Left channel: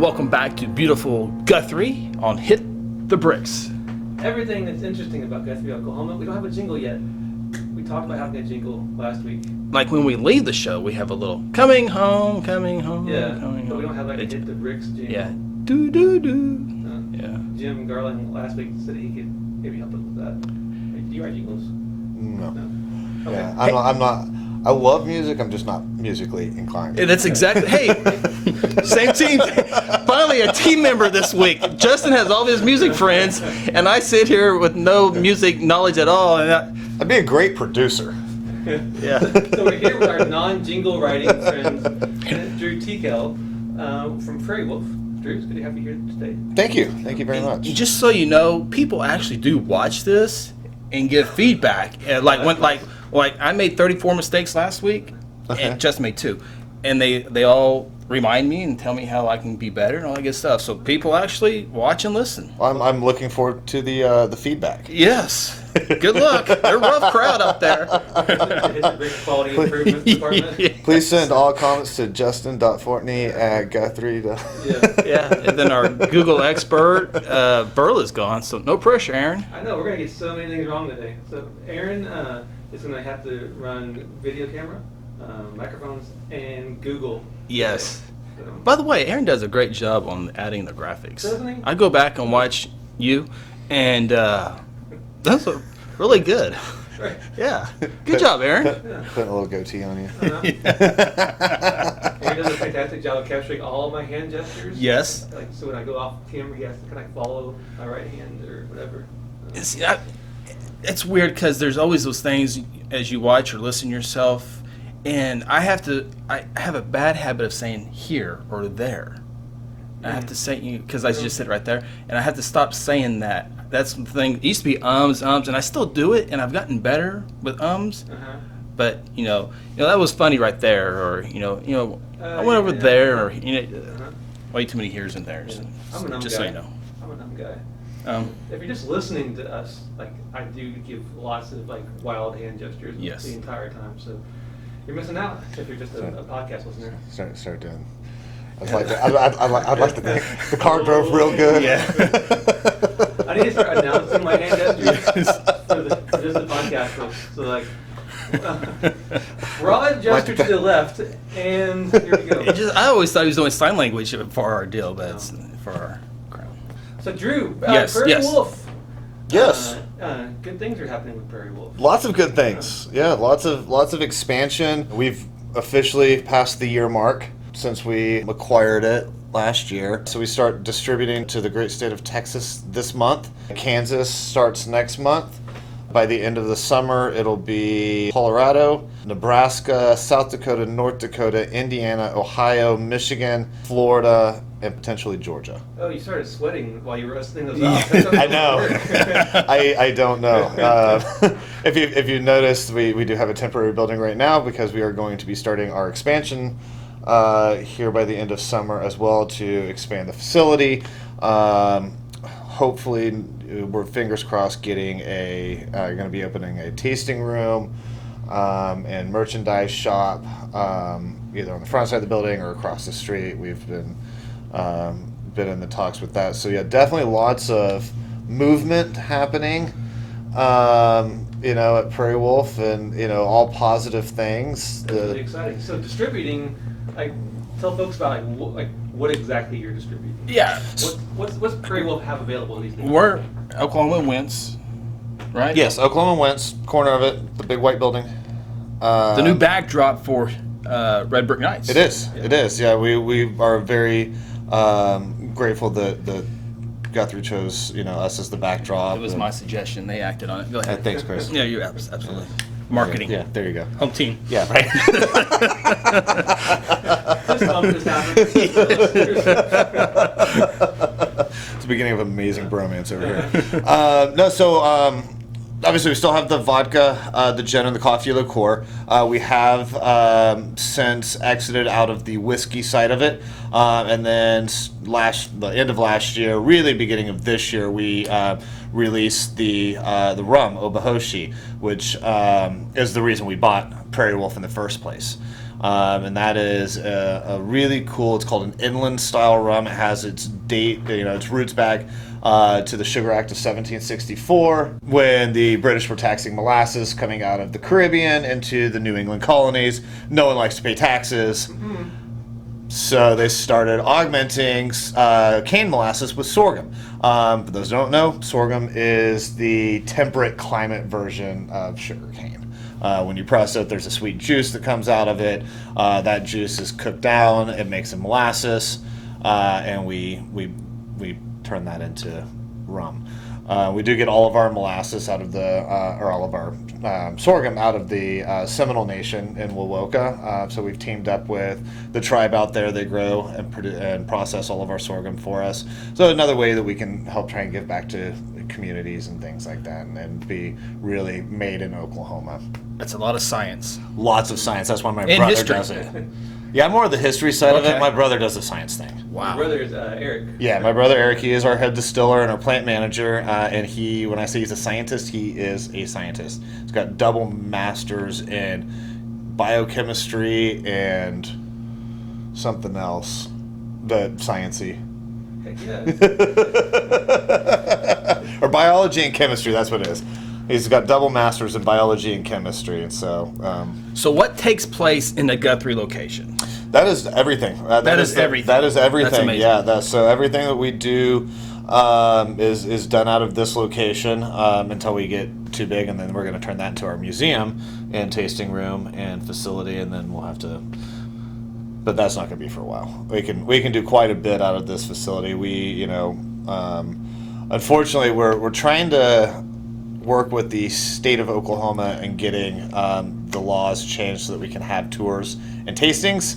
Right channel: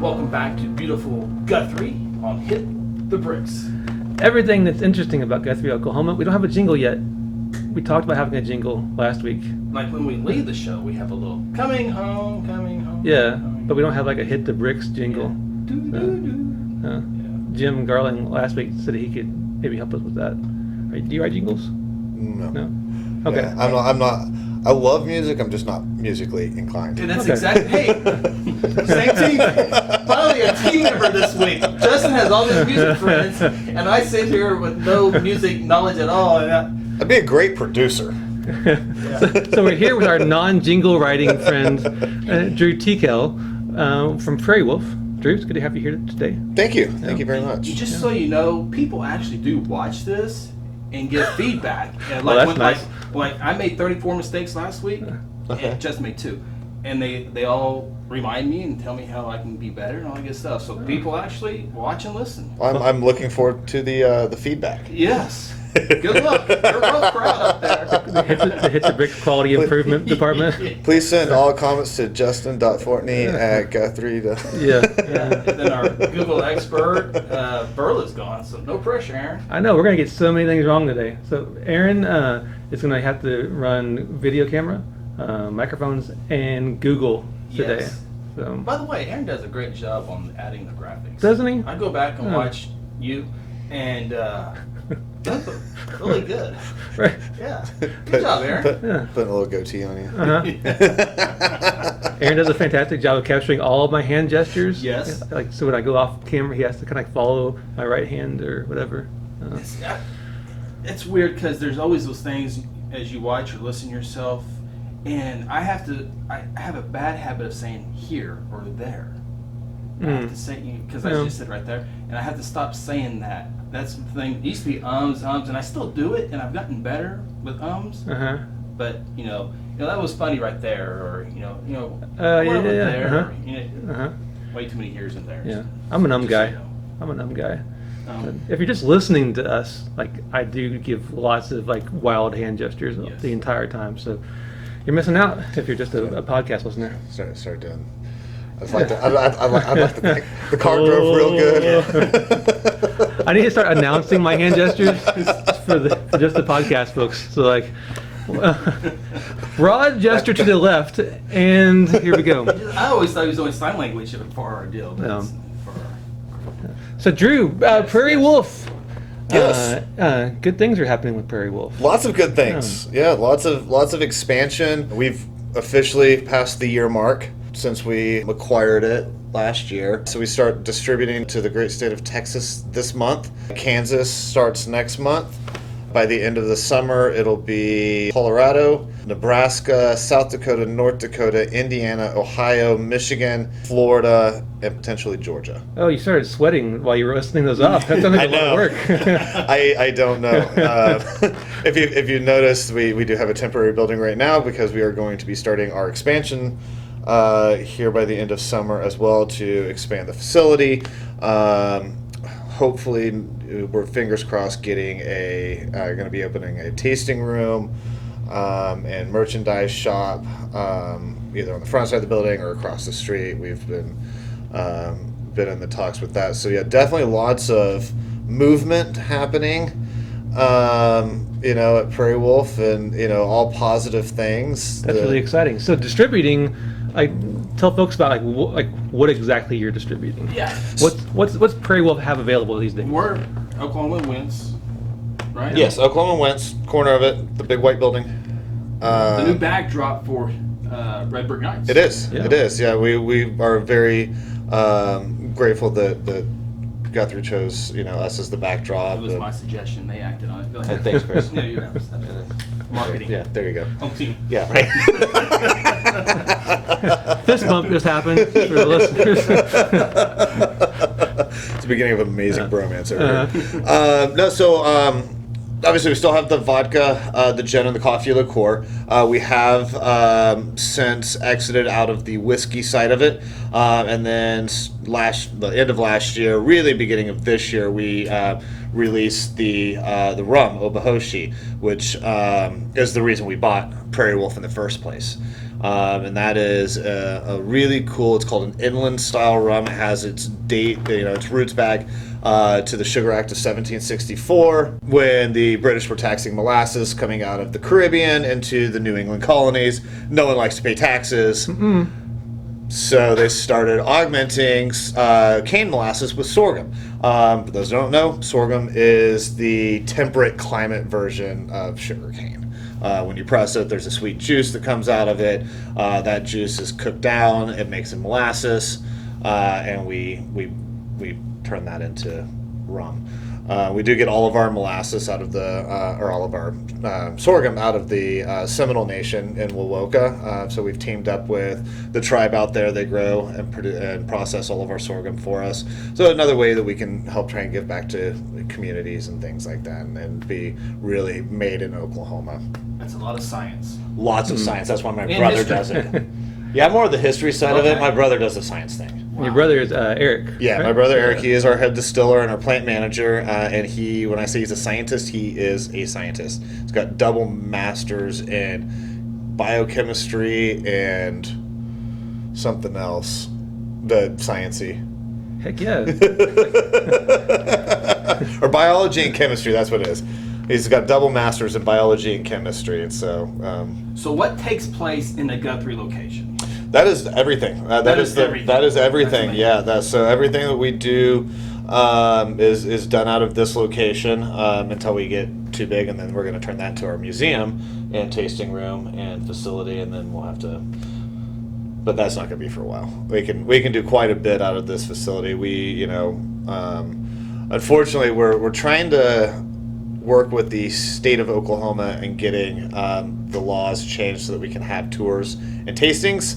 and welcome back to beautiful Guthrie on Hit the Bricks. Everything that's interesting about Guthrie, Oklahoma. We don't have a jingle yet. We talked about having a jingle last week. Like when we leave the show, we have a little coming home. Yeah, but we don't have like a Hit the Bricks jingle. Yeah. Do. Yeah. Jim Garland last week said he could maybe help us with that. Right, do you write jingles? No. Okay. Yeah, I'm not. I love music. I'm just not musically inclined. Yeah, that's exactly. Hey, same team. Finally, a team member this week. Justin has all his music friends, and I sit here with no music knowledge at all. And I'd be a great producer. yeah. So we're here with our non-jingle writing friend, Drew Tikel from Prairie Wolf. Drew, it's good to have you here today. Thank you. Thank you very much. Just so you know, people actually do watch this and give feedback. And like that's nice. Like I made 34 mistakes last week, and just made 2, and they all remind me and tell me how I can be better and all that good stuff. So people actually watch and listen. I'm looking forward to the feedback. Yes. Good luck. They're a rough crowd up there. Hit the Brick Quality Improvement Department. Please send all comments to justin.fortney@guthrie. Yeah. And then our Google expert, Burl, is gone, so no pressure, Aaron. I know, we're going to get so many things wrong today. So Aaron is going to have to run video camera, microphones, and Google today. Yes. So. By the way, Aaron does a great job on adding the graphics. Doesn't he? I go back and watch you, and that's really good. Right. Yeah. Good job, Aaron. Putting a little goatee on you. Aaron does a fantastic job of capturing all of my hand gestures. Yes. Like, so when I go off camera, he has to kind of follow my right hand or whatever. It's weird because there's always those things as you watch or listen yourself, and I have a bad habit of saying here or there. I have to say because I just sit right there, and I have to stop saying that. That's the thing. It used to be ums, and I still do it, and I've gotten better with ums. But you know that was funny right there, or I went over there, or way too many here's and there's. Yeah, I'm an Just guy. so you know. I'm an guy. If you're just listening to us, like I do give lots of like wild hand gestures the entire time, so you're missing out if you're just a podcast listener. Start doing. I'd like to think the car drove real good. Yeah. I need to start announcing my hand gestures for just the podcast folks. So like, broad gesture to the left, and here we go. I always thought it was only sign language for our deal, but it's for our crowd. So Drew, Prairie Wolf. Yes. Good things are happening with Prairie Wolf. Lots of good things. Yeah, lots of expansion. We've officially passed the year mark since we acquired it last year. So we start distributing to the great state of Texas this month. Kansas starts next month. By the end of the summer, it'll be Colorado, Nebraska, South Dakota, North Dakota, Indiana, Ohio, Michigan, Florida, and potentially Georgia. Oh, you started sweating while you were listening those off. That sounds like I know. Work. I don't know. If you noticed, we do have a temporary building right now because we are going to be starting our expansion here by the end of summer as well to expand the facility. Hopefully, we're fingers crossed getting going to be opening a tasting room and merchandise shop either on the front side of the building or across the street. We've been in the talks with that. So yeah, definitely lots of movement happening. At Prairie Wolf, and all positive things. That's really exciting. So distributing, tell folks about what exactly you're distributing. Yeah. What's Prairie Wolf have available these days? We're Oklahoma Wentz, right? Yes, Oklahoma Wentz, corner of it, the big white building. The new backdrop for Red Brick Nights. It is. Yeah. It is. Yeah, we are very grateful that Guthrie chose us as the backdrop. It was my suggestion. They acted on it. Go ahead. Thanks, Chris. Yeah, you're absolutely. Marketing. Yeah, there you go. Home team. Yeah, right. This bump just happened. For the listeners. It's the beginning of amazing bromance over here. Obviously we still have the vodka, the gin, and the coffee liqueur. We have since exited out of the whiskey side of it, and then the end of last year, really beginning of this year, we released the rum Obahoshi, which is the reason we bought Prairie Wolf in the first place. And that is a really cool, it's called an inland style rum. It has its date, its roots back to the Sugar Act of 1764, when the British were taxing molasses coming out of the Caribbean into the New England colonies. No one likes to pay taxes. So they started augmenting cane molasses with sorghum. For those who don't know, sorghum is the temperate climate version of sugar cane. When you press it, there's a sweet juice that comes out of it. That juice is cooked down. It makes a molasses, and we turn that into rum. We do get all of our molasses out of or all of our sorghum out of the Seminole Nation in Wowoka. So we've teamed up with the tribe out there. They grow and process all of our sorghum for us. So another way that we can help try and give back to communities and things like that, and be really made in Oklahoma. That's a lot of science. Lots of science. That's why my And brother history. does it. Yeah, I'm more of the history side of it. My brother does the science thing. Wow. Your brother is Eric. Yeah, right? my brother Eric, he is our head distiller and our plant manager, and when I say he's a scientist, he is a scientist. He's got double masters in biochemistry and something else, the sciencey. Heck yeah. Or biology and chemistry, that's what it is. He's got double masters in biology and chemistry, and so... So what takes place in the Guthrie location? That is everything. That is everything. That is everything. That's amazing. Yeah. So everything that we do is done out of this location until we get too big, and then we're going to turn that into our museum and tasting room and facility, and then we'll have to. But that's not going to be for a while. We can do quite a bit out of this facility. Unfortunately, we're trying to work with the state of Oklahoma and getting the laws changed so that we can have tours and tastings.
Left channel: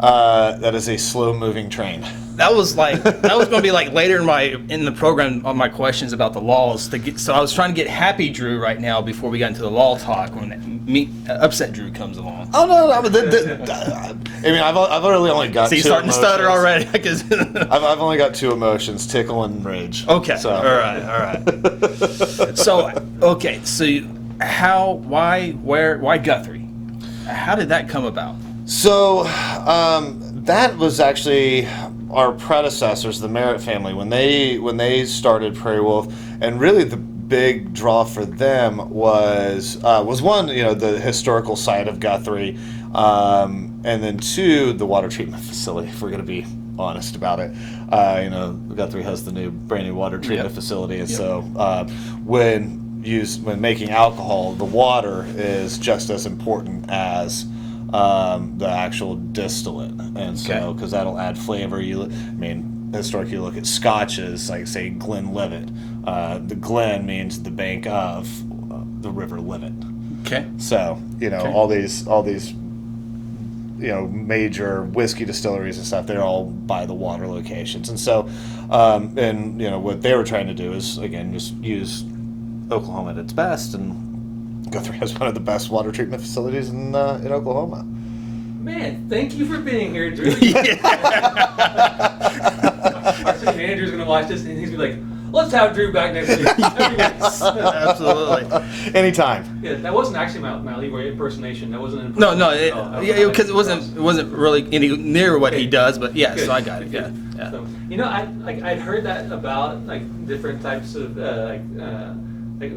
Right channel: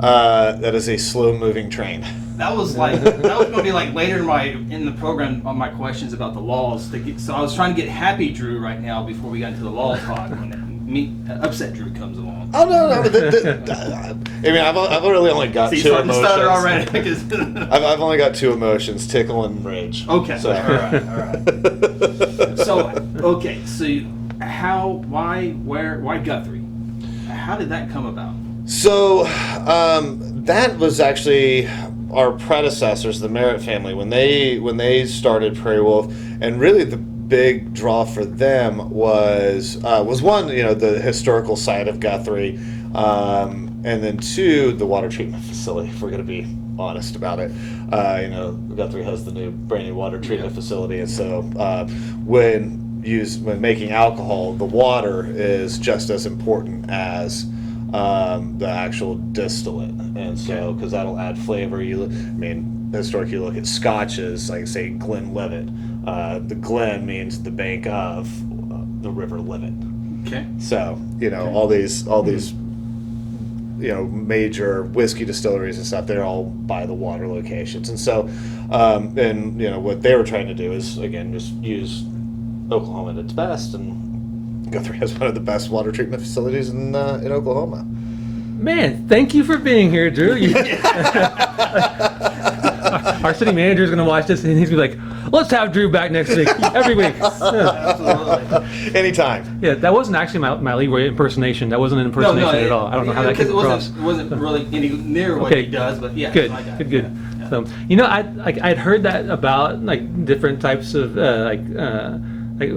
That is a slow-moving train. That was going to be like later in the program on my questions about the laws. So I was trying to get happy Drew right now before we got into the law talk when upset Drew comes along. Oh no! I mean, I've really only got See, two starting to emotions. stutter already. I've only got two emotions: tickle and rage. Okay. So. All right. So why Guthrie? How did that come about? So that was actually our predecessors, the Merritt family, when they started Prairie Wolf, and really the big draw for them was one, the historical side of Guthrie, and then two, the water treatment facility. If we're going to be honest about it, Guthrie has the brand new water treatment facility, and so when making alcohol, the water is just as important as the actual distillate, and so because that'll add flavor. Historically, you look at scotches, like say Glenlivet. The Glen means the bank of the River Livet. Okay. So all these major whiskey distilleries and stuff, they're all by the water locations, and so what they were trying to do is again just use Oklahoma at its best, and Guthrie has one of the best water treatment facilities in Oklahoma. Man, thank you for being here, Drew. Our city manager is going to watch this, and he's going to be like, let's have Drew back next week, every week. Absolutely. Anytime. Yeah, that wasn't actually my Leroy impersonation. That wasn't an impersonation at all. I don't know how that because came across. it wasn't really any near what he does, but yeah, Good, so I got good, it. good. Yeah. So I'd heard that about different types of like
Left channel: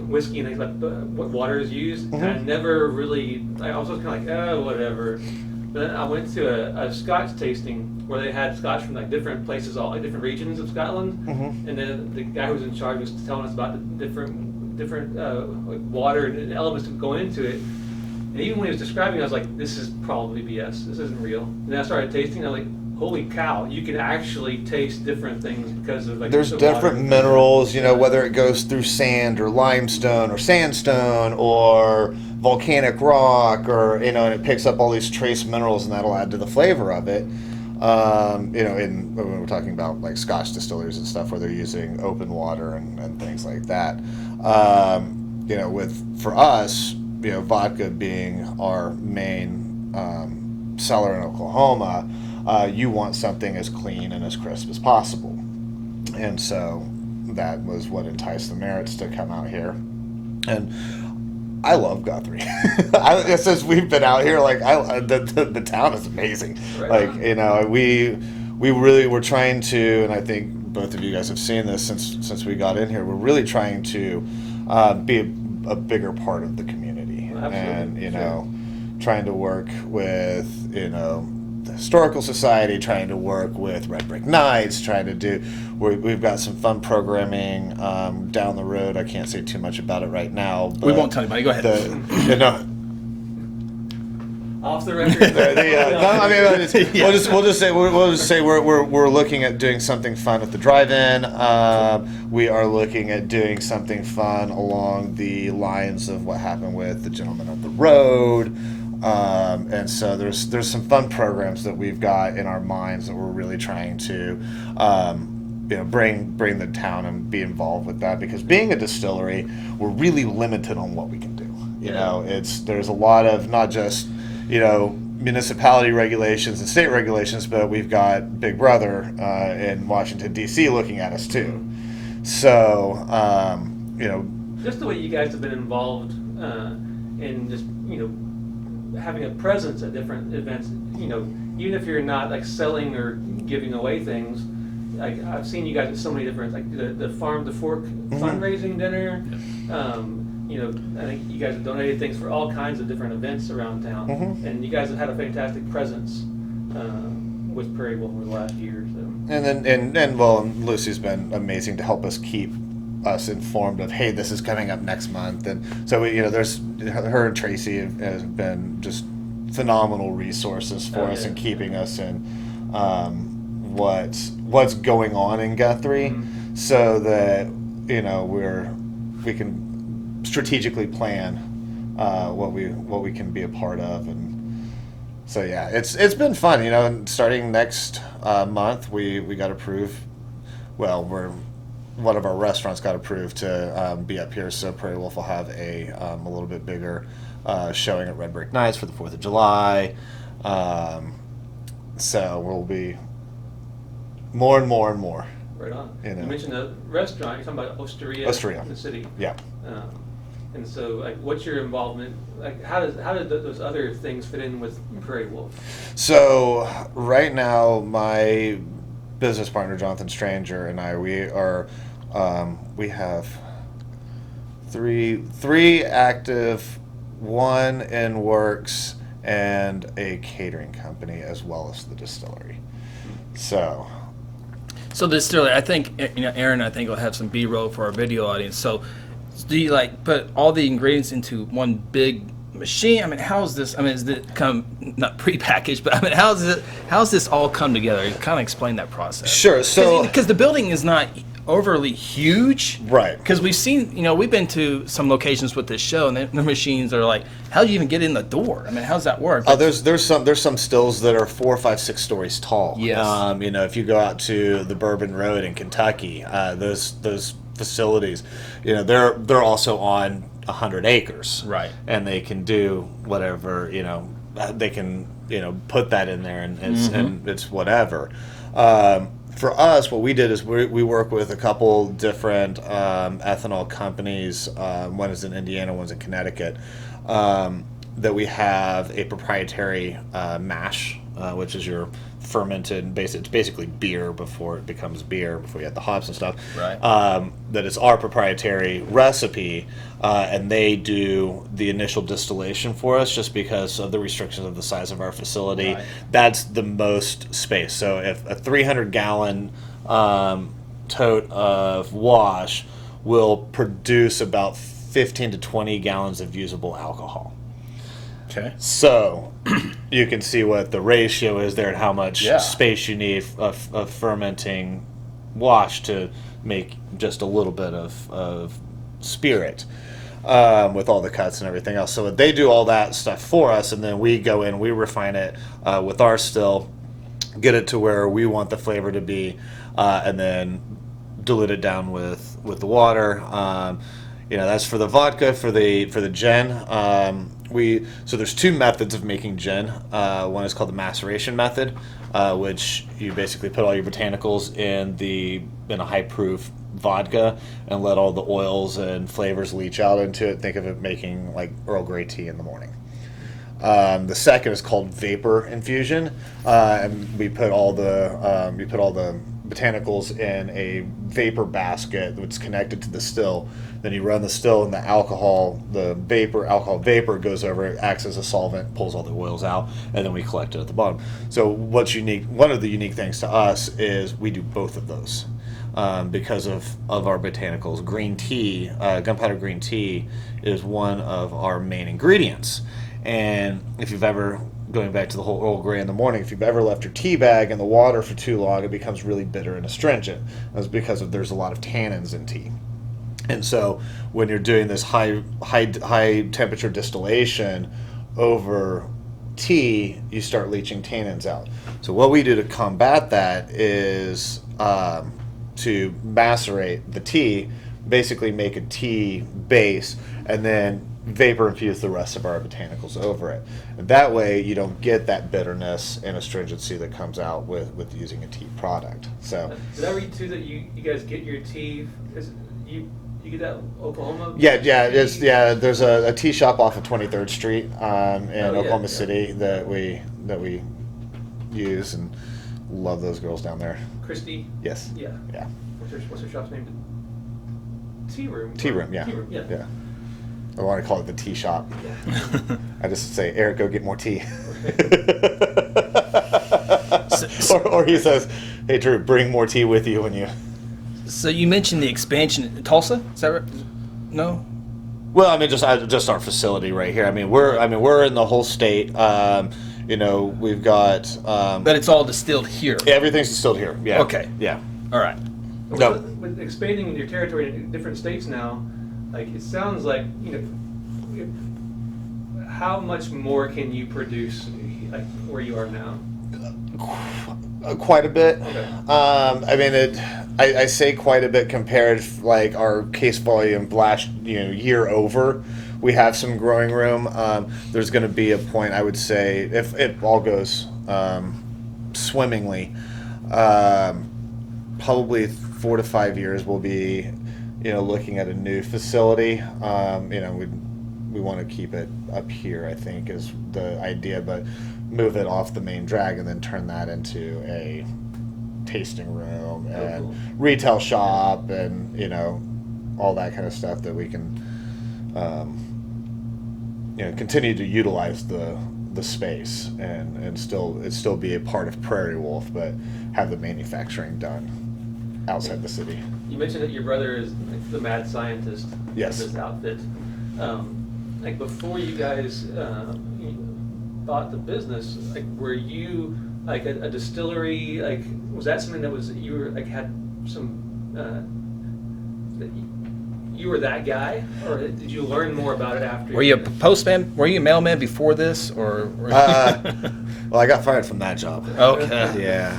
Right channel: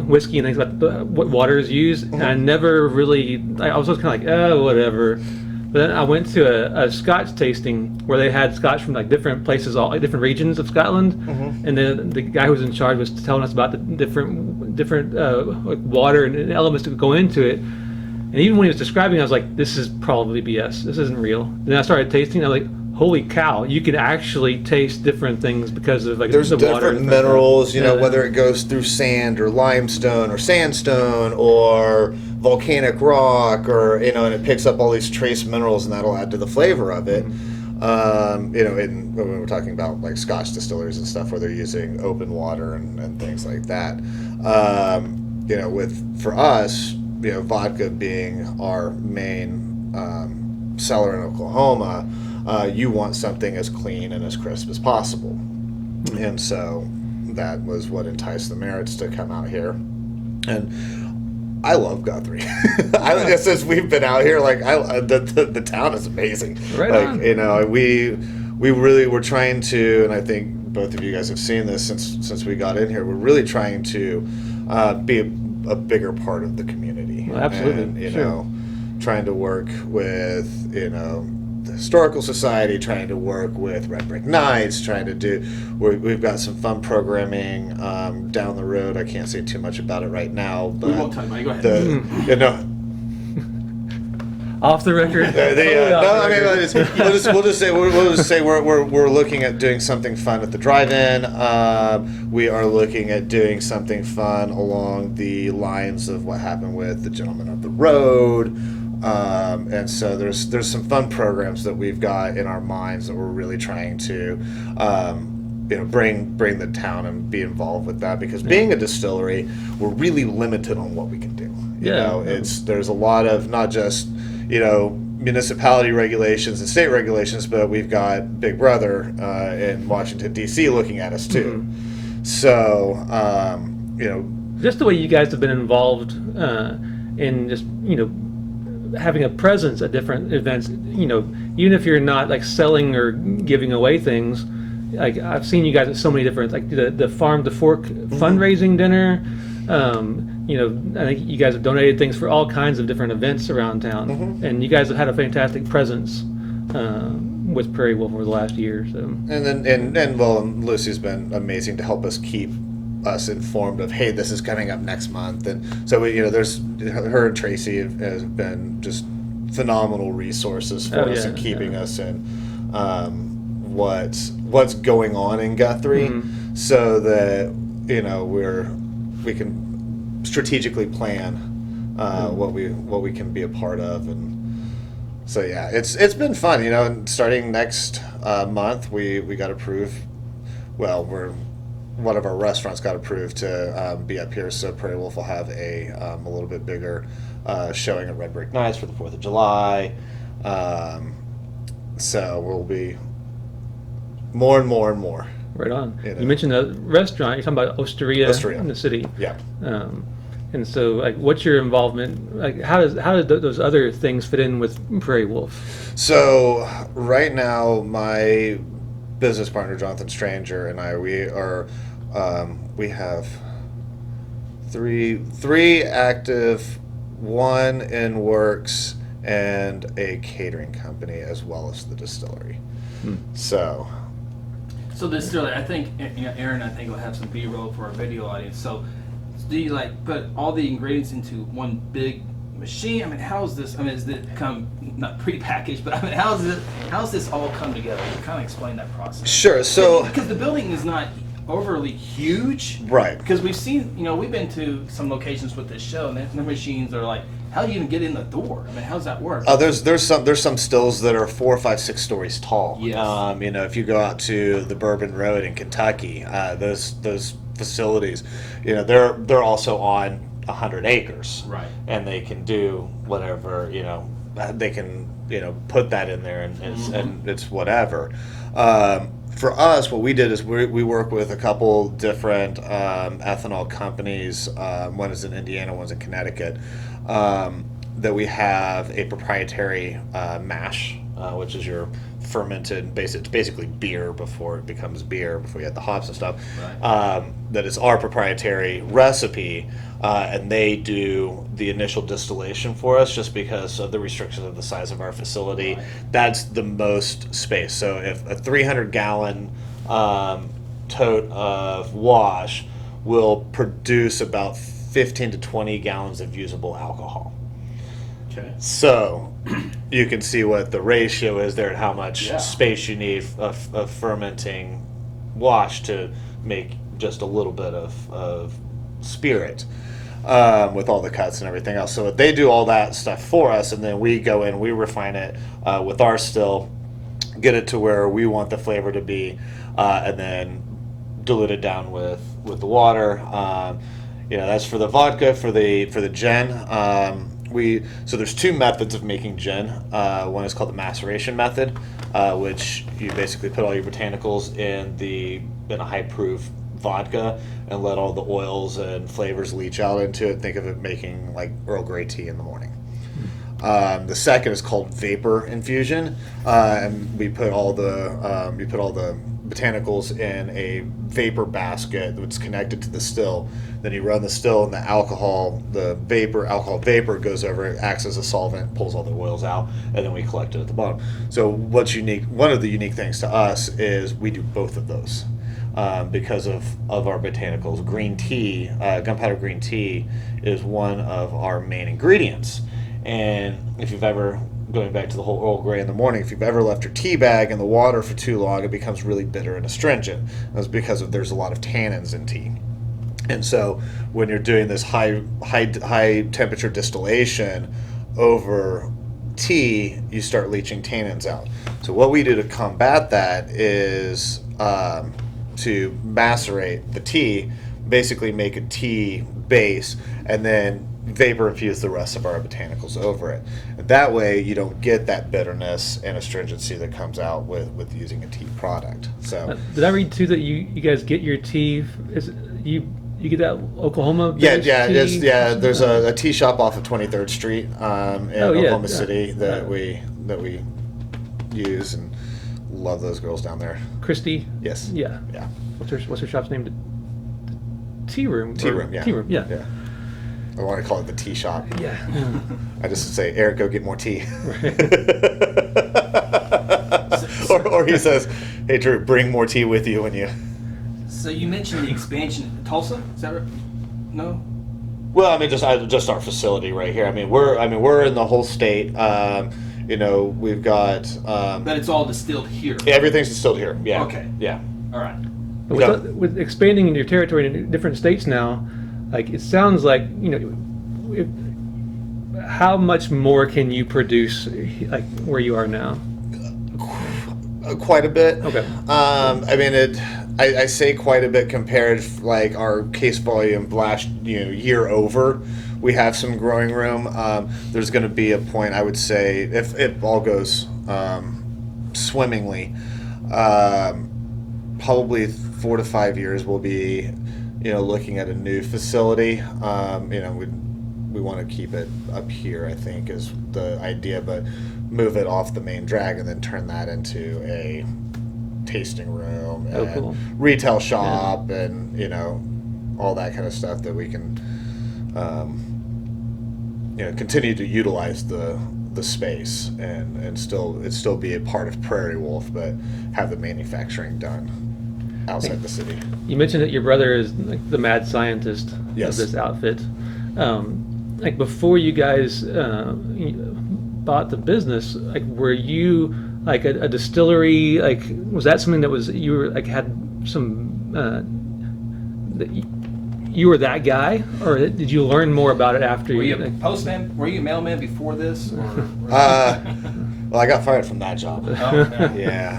whiskey and things about what water is used, and I never really. I was always kind of like, oh, whatever. But then I went to a Scotch tasting where they had Scotch from different places, all different regions of Scotland, and then the guy who was in charge was telling us about the different water and elements that go into it. And even when he was describing it, I was like, this is probably BS. This isn't real. And then I started tasting, and I was like, holy cow, you can actually taste different things because of there's the different water. minerals, whether it goes through sand or limestone or sandstone or volcanic rock, or and it picks up all these trace minerals, and that'll add to the flavor of it. When we're talking about like Scotch distilleries and stuff where they're using open water and things like that. For us, vodka being our main seller in Oklahoma, you want something as clean and as crisp as possible. And so that was what enticed the Merritts to come out here. And I love Guthrie. Since we've been out here, like the town is amazing. Right like on. you know, we really were trying to, and I think both of you guys have seen this since we got in here. We're really trying to be a bigger part of the community. Well, absolutely, and you sure. know, trying to work with the Historical Society, trying to work with Red Brick Nights, trying to do. We've got some fun programming down the road. I can't say too much about it right now. But We won't tell anybody. Go ahead. you know. Off the record. No, I mean, we'll just say we're looking at doing something fun at the drive-in. We are looking at doing something fun along the lines of what happened with the Gentleman of the Road, and so there's some fun programs that we've got in our minds that we're really trying to. Bring the town and be involved with that, because being a distillery, we're really limited on what we can do. You know, there's a lot of not just municipality regulations and state regulations, but we've got Big Brother in Washington, D.C. looking at us too. Mm-hmm. So, just the way you guys have been involved in just having a presence at different events, even if you're not like selling or giving away things. Like I've seen you guys at so many different, like the Farm to Fork fundraising dinner. I think you guys have donated things for all kinds of different events around town, and you guys have had a fantastic presence with Prairie Wolf over the last year. So, and Lucy's been amazing to help us keep us informed of, hey, this is coming up next month, and so there's her and Tracy has been just phenomenal resources for us in keeping us in what's going on in Guthrie, so that we can strategically plan what we can be a part of. And so it's been fun, and starting next month we got approved. Well, one of our restaurants got approved to be up here, so Prairie Wolf will have a little bit bigger showing at Red Brick Nights for the 4th of July. So we'll be more and more and more. Right on. You mentioned a restaurant. You're talking about Osteria in the city. Yeah. And so, like, what's your involvement? Like, how does those other things fit in with Prairie Wolf? So right now, my business partner Jonathan Stranger and I, we have three active, one in works, and a catering company, as well as the distillery. So the distillery, I think, Aaron, I think will have some B-roll for our video audience. So do you put all the ingredients into one big machine? I mean, how's this? I mean, is it come not prepackaged, but I mean, how's this all come together? You kind of explain that process. Sure. So because the building is not overly huge, right? Because we've seen, we've been to some locations with this show, and the machines are like, how do you even get in the door? I mean, how's that work? There's some stills that are 4, 5, 6 stories tall. Yes. If you go out to the Bourbon Road in Kentucky, those facilities, they're also on 100 acres. Right. And they can do whatever, they can, put that in there, and it's whatever. For us, what we did is we work with a couple different ethanol companies. One is in Indiana, one's in Connecticut. That we have a proprietary mash, which is your fermented, it's basically beer before it becomes beer, before you add the hops and stuff. Right. That is our proprietary recipe, and they do the initial distillation for us just because of the restrictions of the size of our facility. Right. That's the most space. So if a 300-gallon tote of wash will produce about 15 to 20 gallons of usable alcohol. Okay. So you can see what the ratio is there and how much space you need of fermenting wash to make just a little bit of spirit with all the cuts and everything else. So they do all that stuff for us, and then we go in, we refine it with our still, get it to where we want the flavor to be, and then dilute it down with the water. That's for the vodka. For the gin, so there's 2 methods of making gin. One is called the maceration method, which you basically put all your botanicals in a high proof vodka and let all the oils and flavors leach out into it. Think of it making like Earl Grey tea in the morning. The second is called vapor infusion, and we put all the botanicals in a vapor basket that's connected to the still. Then you run the still, and the alcohol vapor goes over it, acts as a solvent, pulls all the oils out, and then we collect it at the bottom. So what's unique? One of the unique things to us is we do both of those because of our botanicals. Green tea, gunpowder green tea, is one of our main ingredients. And if you've ever, going back to the whole Earl Grey in the morning, if you've ever left your tea bag in the water for too long, it becomes really bitter and astringent. That's because there's a lot of tannins in tea. And so when you're doing this high temperature distillation over tea, you start leaching tannins out. So what we do to combat that is to macerate the tea, basically make a tea base, and then vapor infuse the rest of our botanicals over it. And that way you don't get that bitterness and astringency that comes out with using a tea product. So did I read too that you guys get your tea? You get that Oklahoma? Yeah. Tea? There's a tea shop off of 23rd Street in Oklahoma City that we use, and love those girls down there. Christy? Yes. Yeah. What's her shop's name? Tea Room. Tea Room. Yeah. Tea Room. Yeah. I want to call it the tea shop. Yeah. I just say, Eric, go get more tea. Right. or he says, hey, Drew, bring more tea with you when you. So you mentioned the expansion in Tulsa. Is that right? No. Well, I mean, just our facility right here. We're in the whole state. We've got. But it's all distilled here. Everything's distilled here. Yeah. Okay. Yeah. All right. With expanding your territory in different states now, like it sounds like how much more can you produce, like where you are now? Quite a bit. Okay. I say quite a bit compared like our case volume last year over. We have some growing room. There's going to be a point, I would say, if it all goes swimmingly, probably 4 to 5 years we'll be looking at a new facility. We want to keep it up here, I think, is the idea, but move it off the main drag and then turn that into a tasting room and retail shop and all that kind of stuff that we can continue to utilize the space and still be a part of Prairie Wolf, but have the manufacturing done outside the city. You mentioned that your brother is like the mad scientist of this outfit. Like before you guys bought the business, like were you like a distillery? Like was that something that was you were like had some you were that guy, or did you learn more about it after? Were you a postman? Were you a mailman before this, or? Well, I got fired from that job. Okay. Yeah.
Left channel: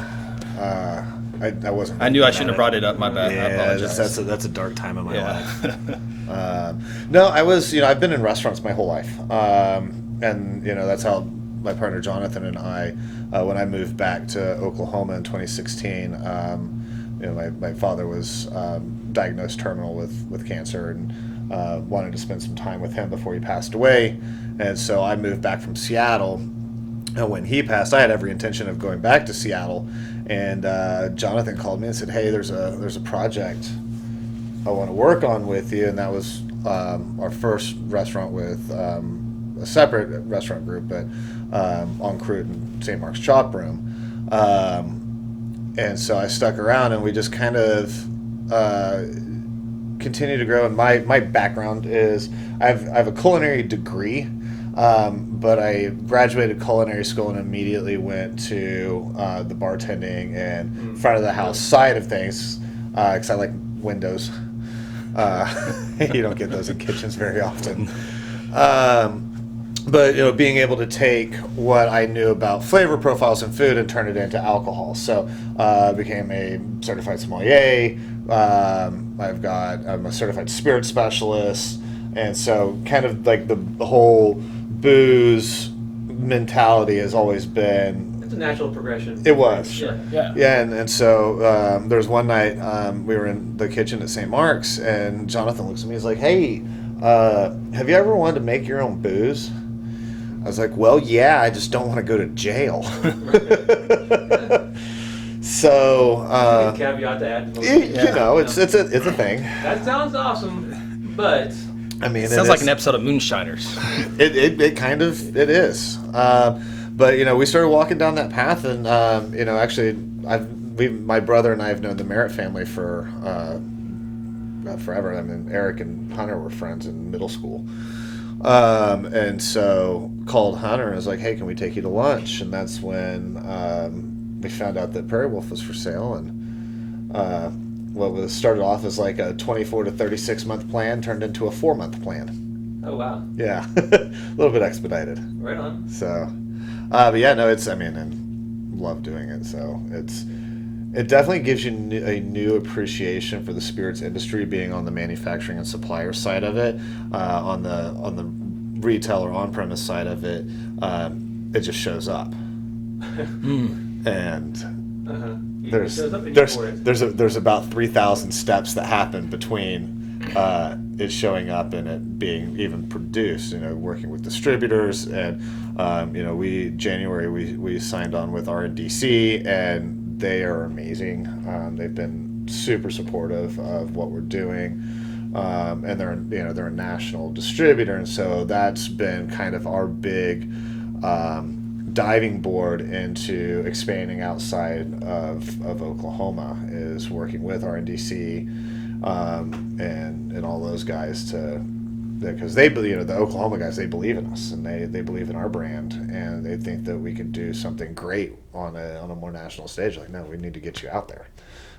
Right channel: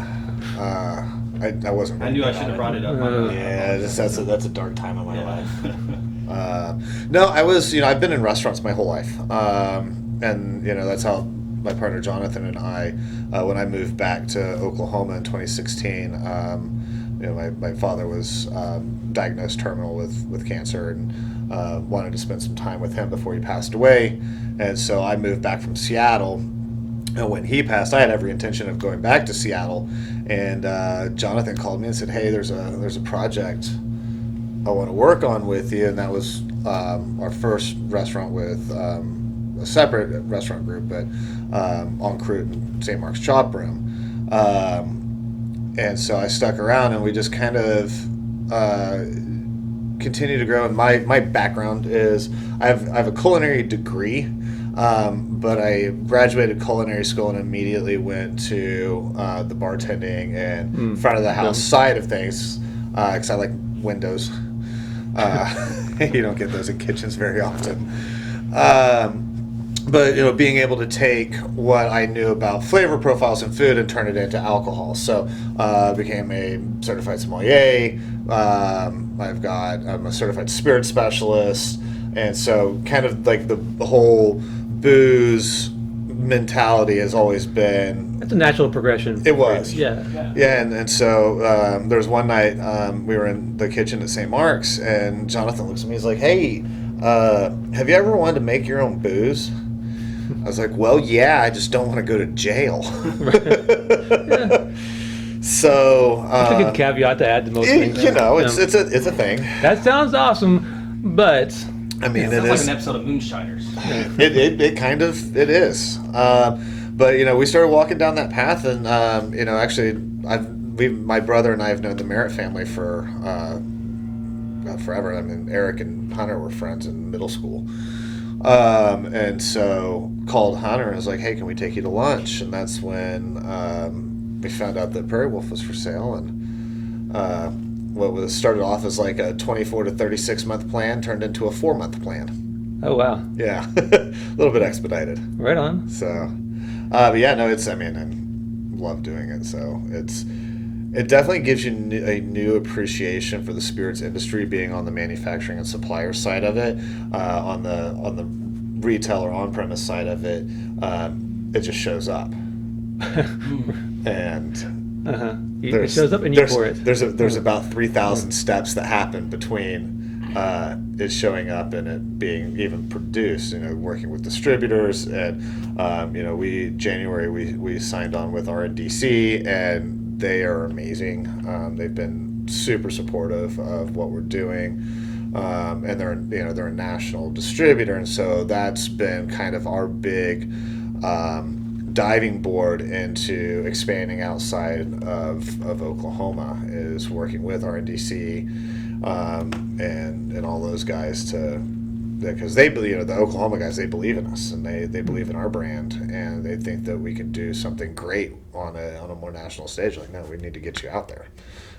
I wasn't. I knew I shouldn't have brought it up. My bad. Yeah, that's a dark time in my life. No, I was. I've been in restaurants my whole life, and that's how my partner Jonathan and I, when I moved back to Oklahoma in 2016, my father was diagnosed terminal with cancer and wanted to spend some time with him before he passed away, and so I moved back from Seattle. And when he passed, I had every intention of going back to Seattle. And Jonathan called me and said, "Hey, there's a project I want to work on with you." And that was our first restaurant with a separate restaurant group, but en croute in St. Mark's Chop Room. And so I stuck around, and we just kind of continued to grow. And my background is I have a culinary degree. But I graduated culinary school and immediately went to the bartending and front of the house side of things because I like windows. You don't get those in kitchens very often. But being able to take what I knew about flavor profiles in food and turn it into alcohol. So became a certified sommelier. I'm a certified spirit specialist. And so kind of like the whole booze mentality has always been That's a natural progression. It was. Yeah. Yeah, and so there was one night we were in the kitchen at St. Mark's, and Jonathan looks at me. He's like, "Hey, have you ever wanted to make your own booze?" I was like, "Well, yeah, I just don't want to go to jail." So That's a good caveat to add to most things. It's a thing. That sounds awesome, but I mean, it sounds like an episode of Moonshiners. It kind of is. But we started walking down that path, and actually, my brother and I have known the Merritt family for forever. I mean, Eric and Hunter were friends in middle school, and so called Hunter and was like, "Hey, can we take you to lunch?" And that's when we found out that Prairie Wolf was for sale, and what was started off as like a 24 to 36 month plan turned into a 4-month plan. Oh wow! Yeah, a little bit expedited. Right on. So, but yeah, no, I love doing it. So it definitely gives you a new appreciation for the spirits industry, being on the manufacturing and supplier side of it, on the retail or on-premise side of it. It just shows up, and. It shows up and you pour it. There's about 3,000 steps that happen between it showing up and it being even produced. Working with distributors, and January we signed on with RNDC, and they are amazing. They've been super supportive of what we're doing, and they're a national distributor, and so that's been kind of our big diving board into expanding outside of Oklahoma, is working with RNDC and all those guys, because they believe, the Oklahoma guys, they believe in us, and they believe in our brand, and they think that we can do something great on a more national stage. Like, no, we need to get you out there.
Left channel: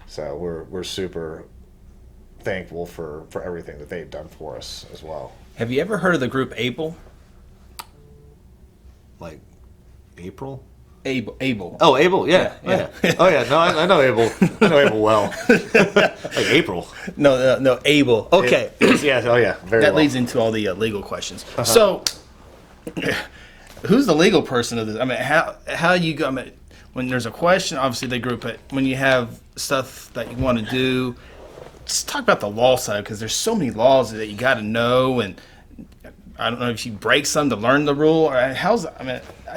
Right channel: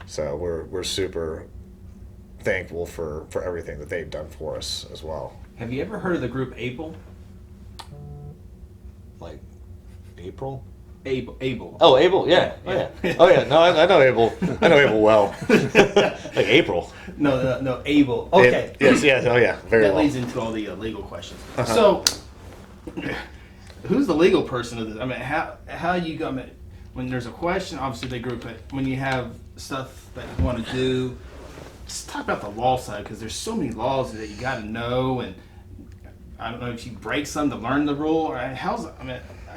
So we're super thankful for everything that they've done for us as well. Have you ever heard of the group Able? Like April? Able. Oh, Abel, yeah. Oh, yeah. No, I know Abel. I know Abel well. Like April. No, Able. Okay. Yes. Oh, yeah. Very that well. leads into all the legal questions. So, who's the legal person of this? I mean, how you go? I mean, when there's a question, obviously they group it. When you have stuff that you want to do, just talk about the law side, because there's so many laws that you got to know, and I don't know if you break some to learn the rule, or I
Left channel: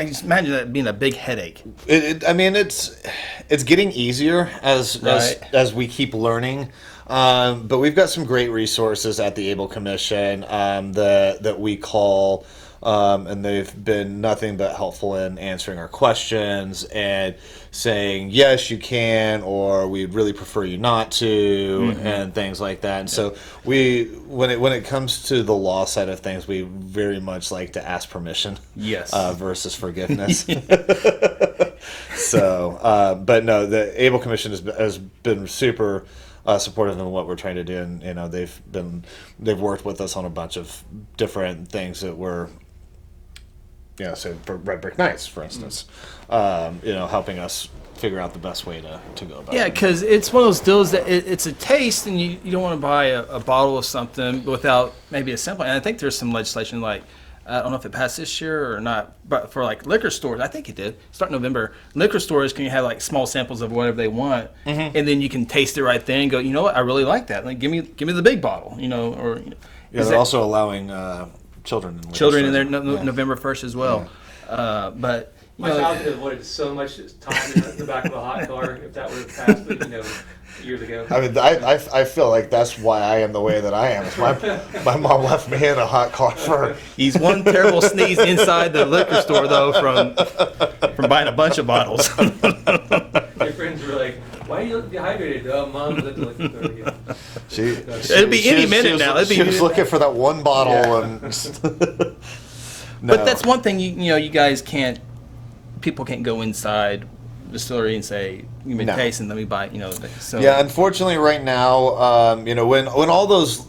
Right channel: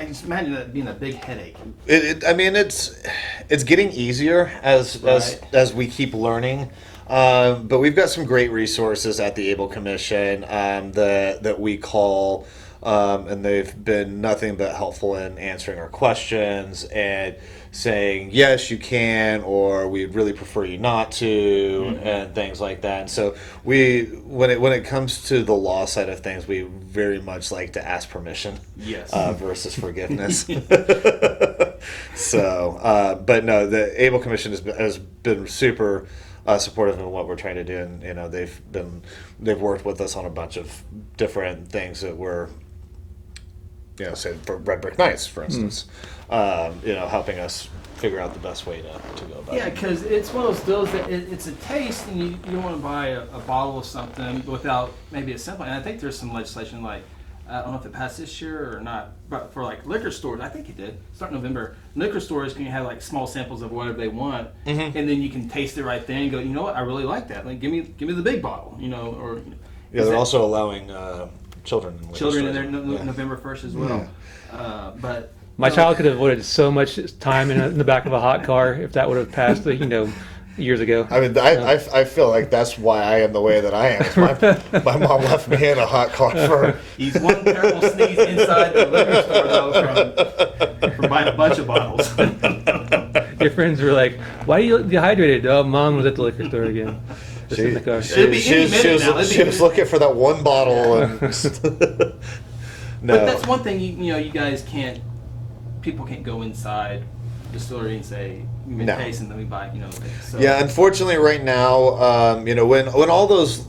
just imagine that being a big headache. It's getting easier as we keep learning, but we've got some great resources at the Able Commission that we call, and they've been nothing but helpful in answering our questions and saying yes, you can, or we'd really prefer you not to, and things like that. And so when it comes to the law side of things, we very much like to ask permission, yes, versus forgiveness. So, but no, the Able Commission has been super supportive of what we're trying to do, and they've worked with us on a bunch of different things that we're, say for Red Brick Nights, for instance. Helping us figure out the best way to go about it. Yeah, because it's one of those deals that it's a taste, and you don't want to buy a bottle of something without maybe a sample. And I think there's some legislation, like, I don't know if it passed this year or not, but for like liquor stores, I think it did, start November, liquor stores can have like small samples of whatever they want, and then you can taste it right then and go, you know what, I really like that. Like, give me the big bottle, or... Yeah, they're also allowing children in there November 1st as well. But... My child could have avoided so much time in the back of a hot car if that would have passed, years ago. I mean, I feel like that's why I am the way that I am. My mom left me in a hot car for... He's one terrible sneeze inside the liquor store, though, from buying a bunch of bottles. Your friends were like, "Why are you dehydrated?" "Oh, Mom was at the liquor store again." It'll be any minute now. She was looking for that one bottle. Yeah. But that's one thing, you guys can't... People can't go inside the distillery and say, "You've been tasting, let me buy." So. Yeah, unfortunately, right now, when all those,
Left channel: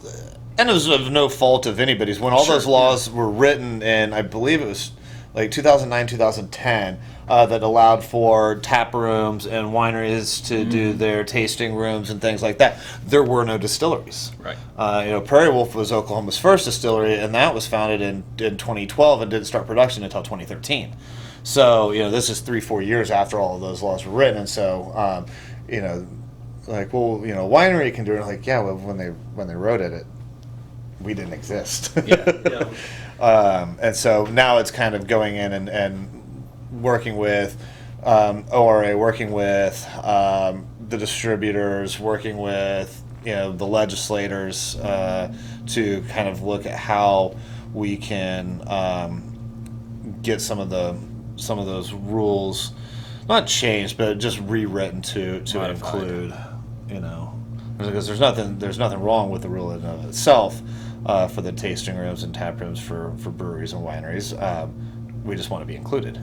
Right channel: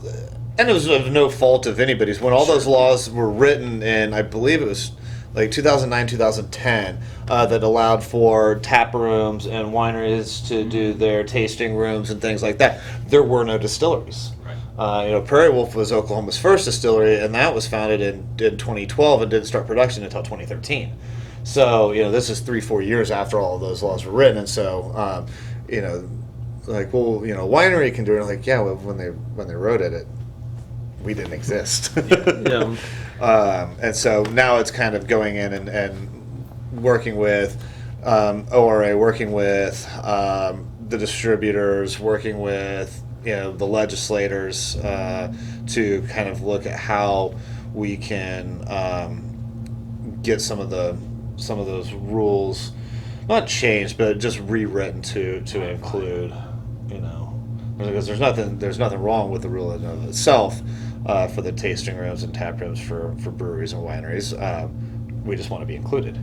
and it was of no fault of anybody's, when all those laws were written, and I believe it was like 2009, 2010, that allowed for tap rooms and wineries to do their tasting rooms and things like that. There were no distilleries. Right. Prairie Wolf was Oklahoma's first distillery, and that was founded in 2012 and didn't start production until 2013. So, this is 3-4 years after all of those laws were written, and so, winery can do it. Like, yeah, well, when they wrote it, we didn't exist. Yeah. And so now it's kind of going in and working with ORA, working with the distributors, working with the legislators to kind of look at how we can get some of those rules not changed, but just rewritten to include, because there's nothing wrong with the rule in and of itself for the tasting rooms and tap rooms for breweries and wineries. We just want to be included.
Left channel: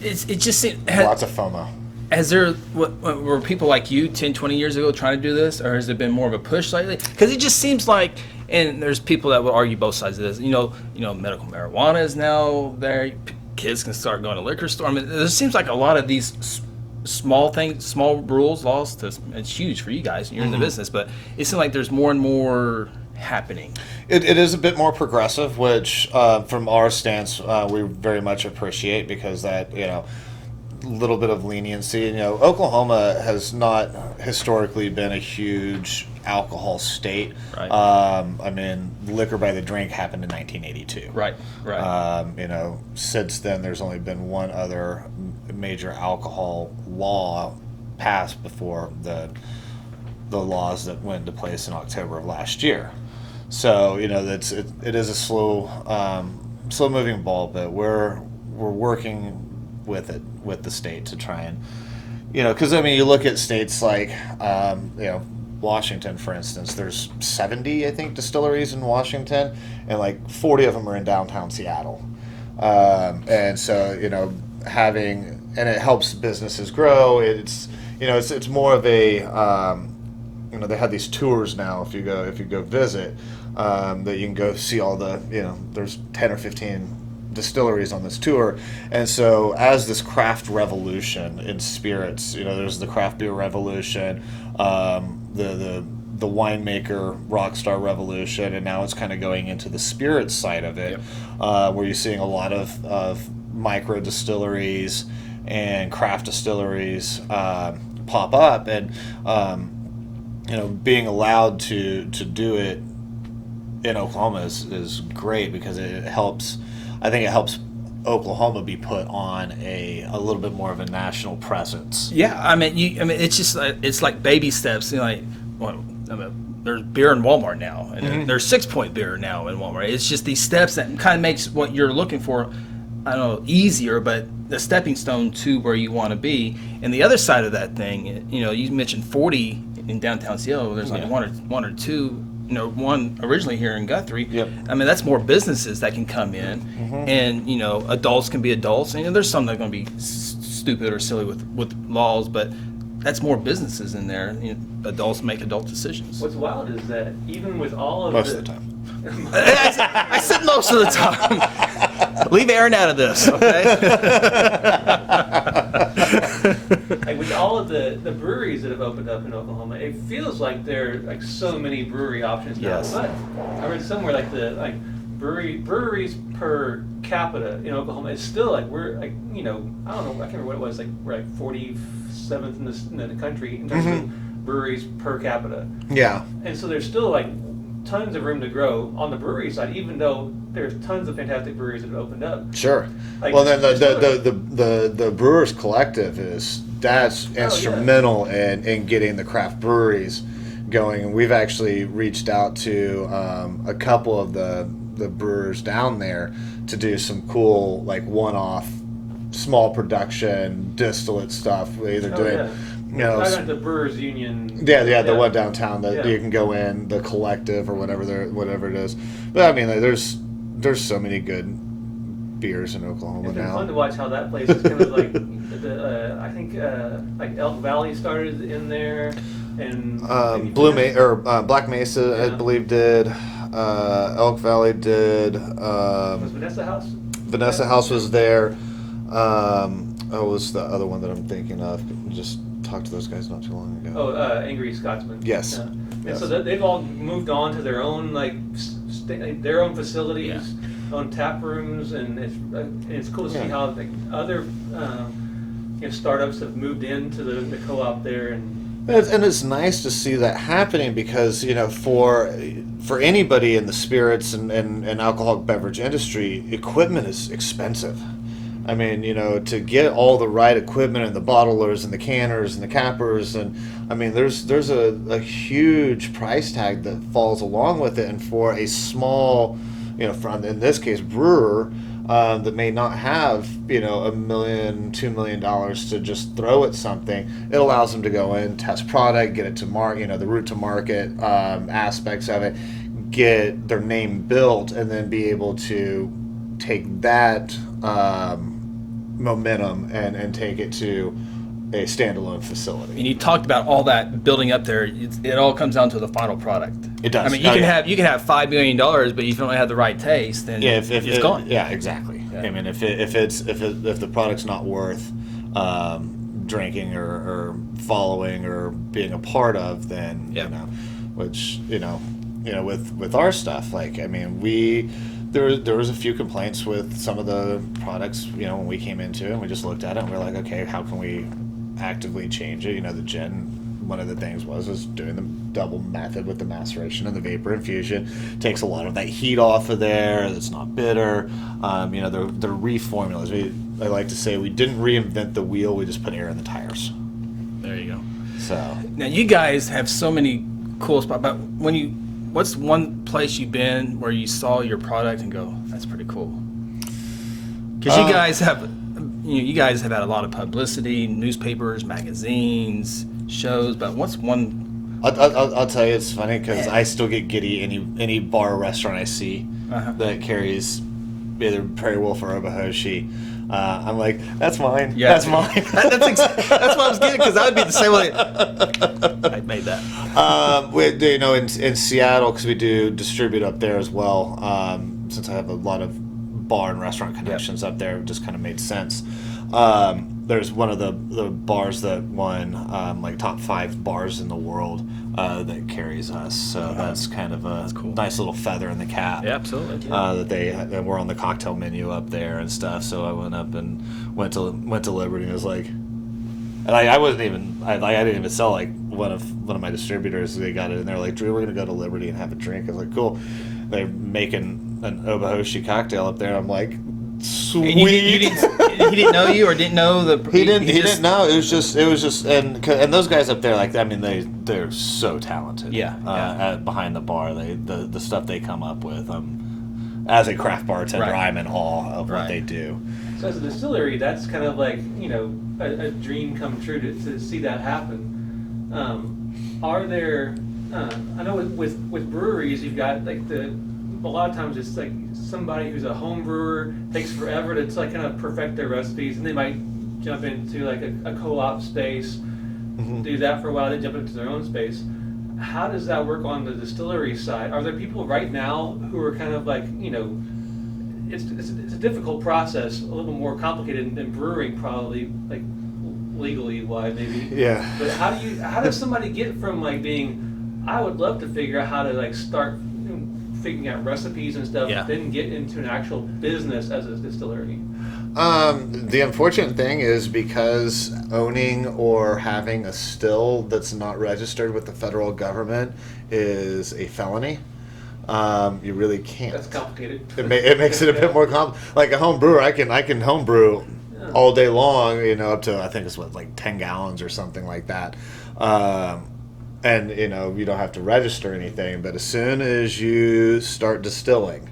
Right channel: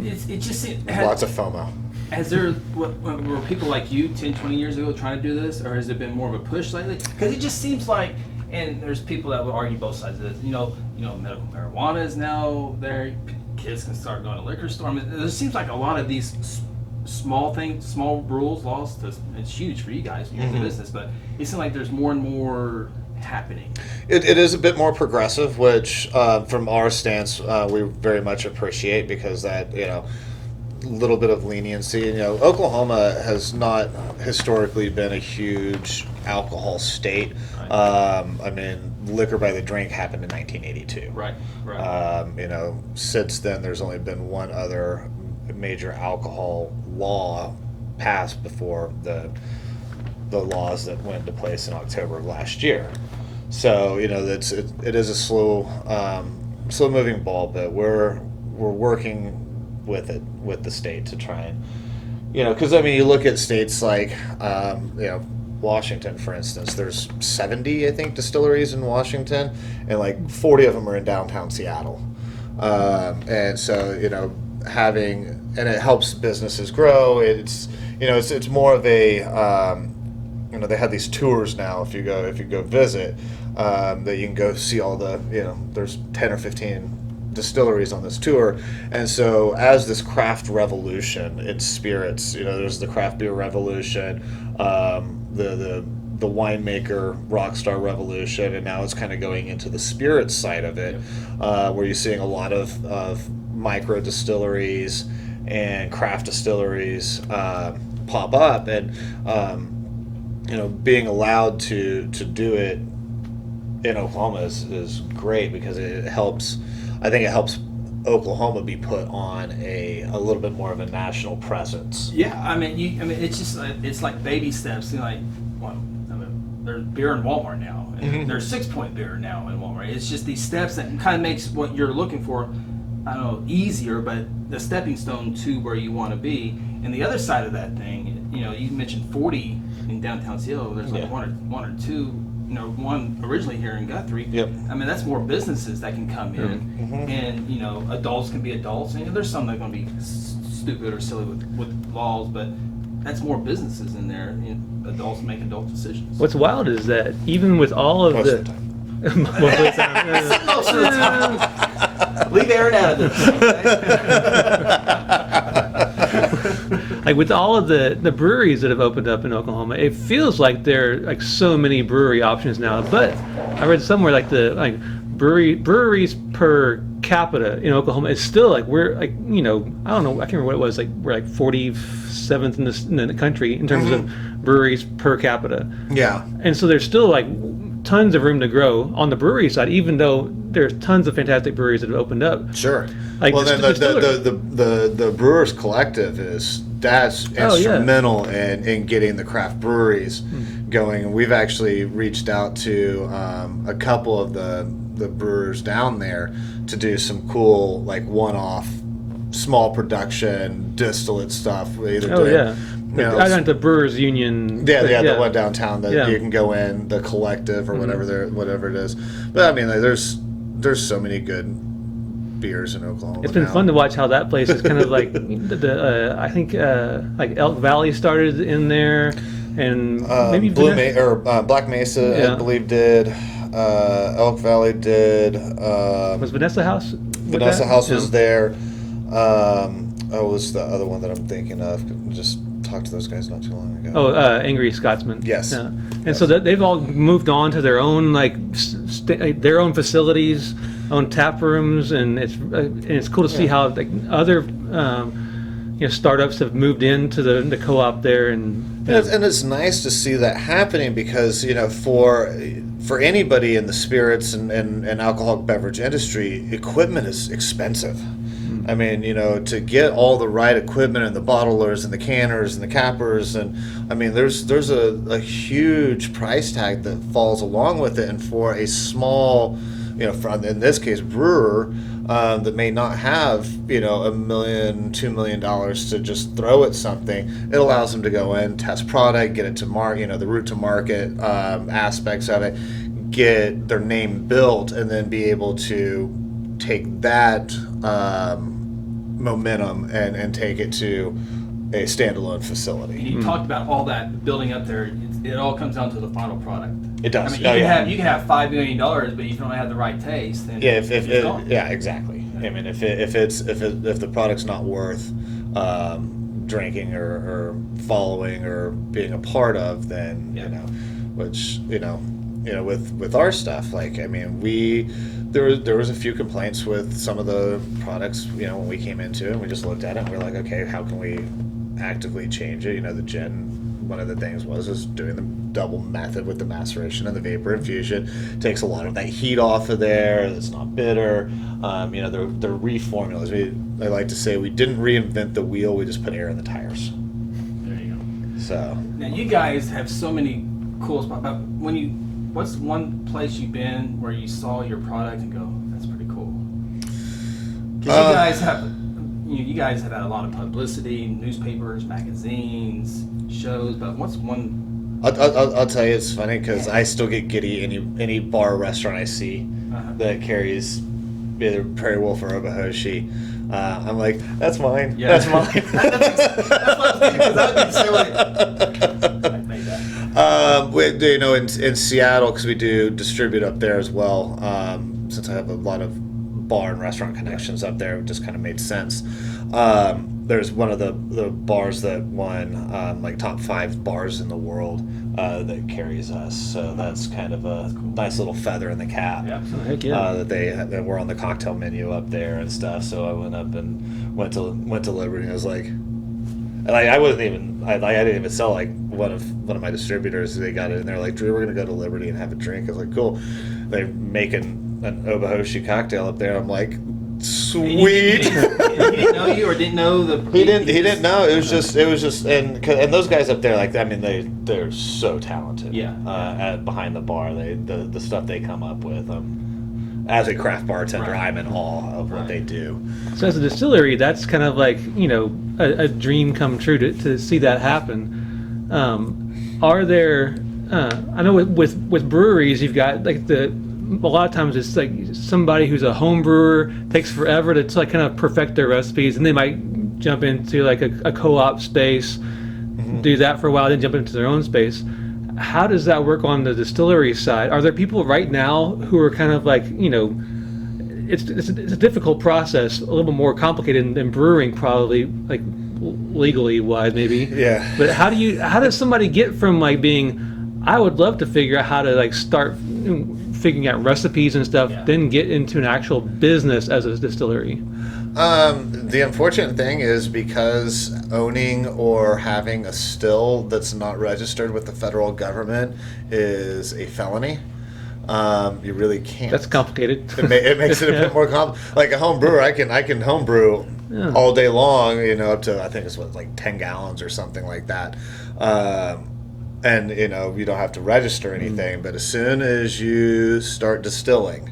It just seems, Lots of FOMO. Has there were people like you 10, 20 years ago trying to do this, or has there been more of a push lately? Because it just seems like, and there's people that will argue both sides of this. Medical marijuana is now there. Kids can start going to liquor store. I mean, it seems like a lot of these small things, small rules, laws. It's huge for you guys. You're in the business, but it seems like there's more and more happening. It is a bit more progressive, which from our stance we very much appreciate, because that little bit of leniency. Oklahoma has not historically been a huge alcohol state. Right. I mean, liquor by the drink happened in 1982. Right. Since then, there's only been one other major alcohol law passed before the laws that went into place in October of last year. So it is a slow moving ball, but we're working with the state to try and because you look at states like Washington, for instance. There's 70, I think, distilleries in Washington, and like 40 of them are in downtown Seattle. And so and it helps businesses grow. It's more of a they have these tours now. If you go visit, that you can go see all the there's 10 or 15 distilleries on this tour. And so as this craft revolution in spirits, there's the craft beer revolution, the winemaker rockstar revolution, and now it's kind of going into the spirits side of it. Yep. Where you're seeing a lot of micro distilleries and craft distilleries pop up, and being allowed to do it in Oklahoma is great, because it helps. I think it helps Oklahoma be put on a little bit more of a national presence. Yeah, it's just it's like baby steps. There's beer in Walmart now, and there's 6 Point beer now in Walmart. It's just these steps that kind of makes what you're looking for, I don't know, easier, but the stepping stone to where you want to be. And the other side of that thing, you mentioned 40 in downtown Seattle. There's like one or two. One originally here in Guthrie. Yep. That's more businesses that can come in, and adults can be adults. And there's some that are going to be stupid or silly with laws, but that's more businesses in there. Adults make adult decisions. What's wild is that even with all of Most the of the time. I said most of the time. Leave Aaron out of this, okay? Like with all of the breweries that have opened up in Oklahoma, it feels like there are like so many brewery options now. Yes. But I read somewhere like breweries per capita in Oklahoma is still like we're like I don't know, I can't remember what it was, like we're like 47th in the country in terms of breweries per capita. Yeah. And so there's still like tons of room to grow on the brewery side, even though there's tons of fantastic breweries that have opened up. Sure. Like well, then the Brewers Collective that's instrumental in getting the craft breweries going, and we've actually reached out to a couple of the brewers down there to do some cool like one-off small production distillate stuff. We either I went to Brewers Union. The one downtown that you can go in, the collective or whatever it is. But there's so many good beers in Oklahoma. It's been fun to watch how that place is kind of like I think like Elk Valley started in there, and maybe Black Mesa I believe did. Elk Valley did. Was Vanessa House? Vanessa that? House Yeah. was there. What was the other one that I'm thinking of? Just talked to those guys not too long ago. Oh, Angry Scotsman. Yes. Yeah. And Yes. so they've all moved on to their own their own facilities, own tap rooms, and it's cool to see how like other startups have moved into the co-op there and it's nice to see that happening because for anybody in the spirits and alcoholic beverage industry, equipment is expensive. I mean, to get all the right equipment and the bottlers and the canners and the cappers, and I mean, there's a huge price tag that falls along with it. And for a small, in this case, brewer that may not have, $1 million, $2 million to just throw at something, it allows them to go in, test product, get it to market, the route to market aspects of it, get their name built, and then be able to take that momentum and take it to a standalone facility. And you talked about all that building up there. It all comes down to the final product. It does. I mean, you can have $5 million, but if you don't have the right taste, then it's gone. Yeah, exactly. Yeah. I mean, if the product's not worth drinking or following or being a part of, then which with our stuff, like I mean, there was a few complaints with some of the products, when we came into it, and we just looked at it and we're like, okay, how can we actively change it? The gin, one of the things was doing the double method with the maceration and the vapor infusion. Takes a lot of that heat off of there. It's not bitter. They're reformulas. I like to say we didn't reinvent the wheel. We just put air in the tires. There you go. So Now you guys have so many cool spots. But what's one place you've been where you saw your product and go, that's pretty cool? Because you guys have had a lot of publicity, newspapers, magazines, shows. But what's one? I'll tell you, it's funny because I still get giddy any bar or restaurant I see that carries either Prairie Wolf or Obahoshi. I'm like, that's mine. Yeah. That's mine. That's what I was getting, because I would be the same way. I made that. In Seattle, because we do distribute up there as well. Since I have a lot of bar and restaurant connections up there, it just kind of made sense. There's one of the bars that won like top 5 bars in the world that carries us. So that's kind of a cool. nice little feather in the cap. Yeah, absolutely. That were on the cocktail menu up there and stuff. So I went up and went to Liberty, and it was like, I didn't even sell like one of my distributors. They got it, and they're like, Drew, we're gonna go to Liberty and have a drink. I was like, cool. They're making an Obahoshi cocktail up there. I'm like, sweet. He didn't know you, or didn't know the. He didn't know. It was just, and those guys up there, like, I mean, they're so talented. Yeah. Behind the bar, the stuff they come up with. As a craft bartender, Right. I'm in awe of what they do. So as a distillery, that's kind of like a dream come true to see that happen. Are there? I know with breweries, you've got like a lot of times it's like somebody who's a home brewer takes forever to like kind of perfect their recipes, and they might jump into like a co-op space, do that for a while, then jump into their own space. How does that work on the distillery side? Are there people right now who are kind of like, it's a difficult process, a little bit more complicated than brewing probably, like legally wise maybe. Yeah. But how does somebody get from like being, I would love to figure out how to like start figuring out recipes and stuff, then get into an actual business as a distillery? The unfortunate thing is, because owning or having a still that's not registered with the federal government is a felony. You really can't. That's complicated. It makes it a bit more complicated. Like a home brewer, I can home brew all day long, up to, I think it's like 10 gallons or something like that. And you don't have to register anything, but as soon as you start distilling,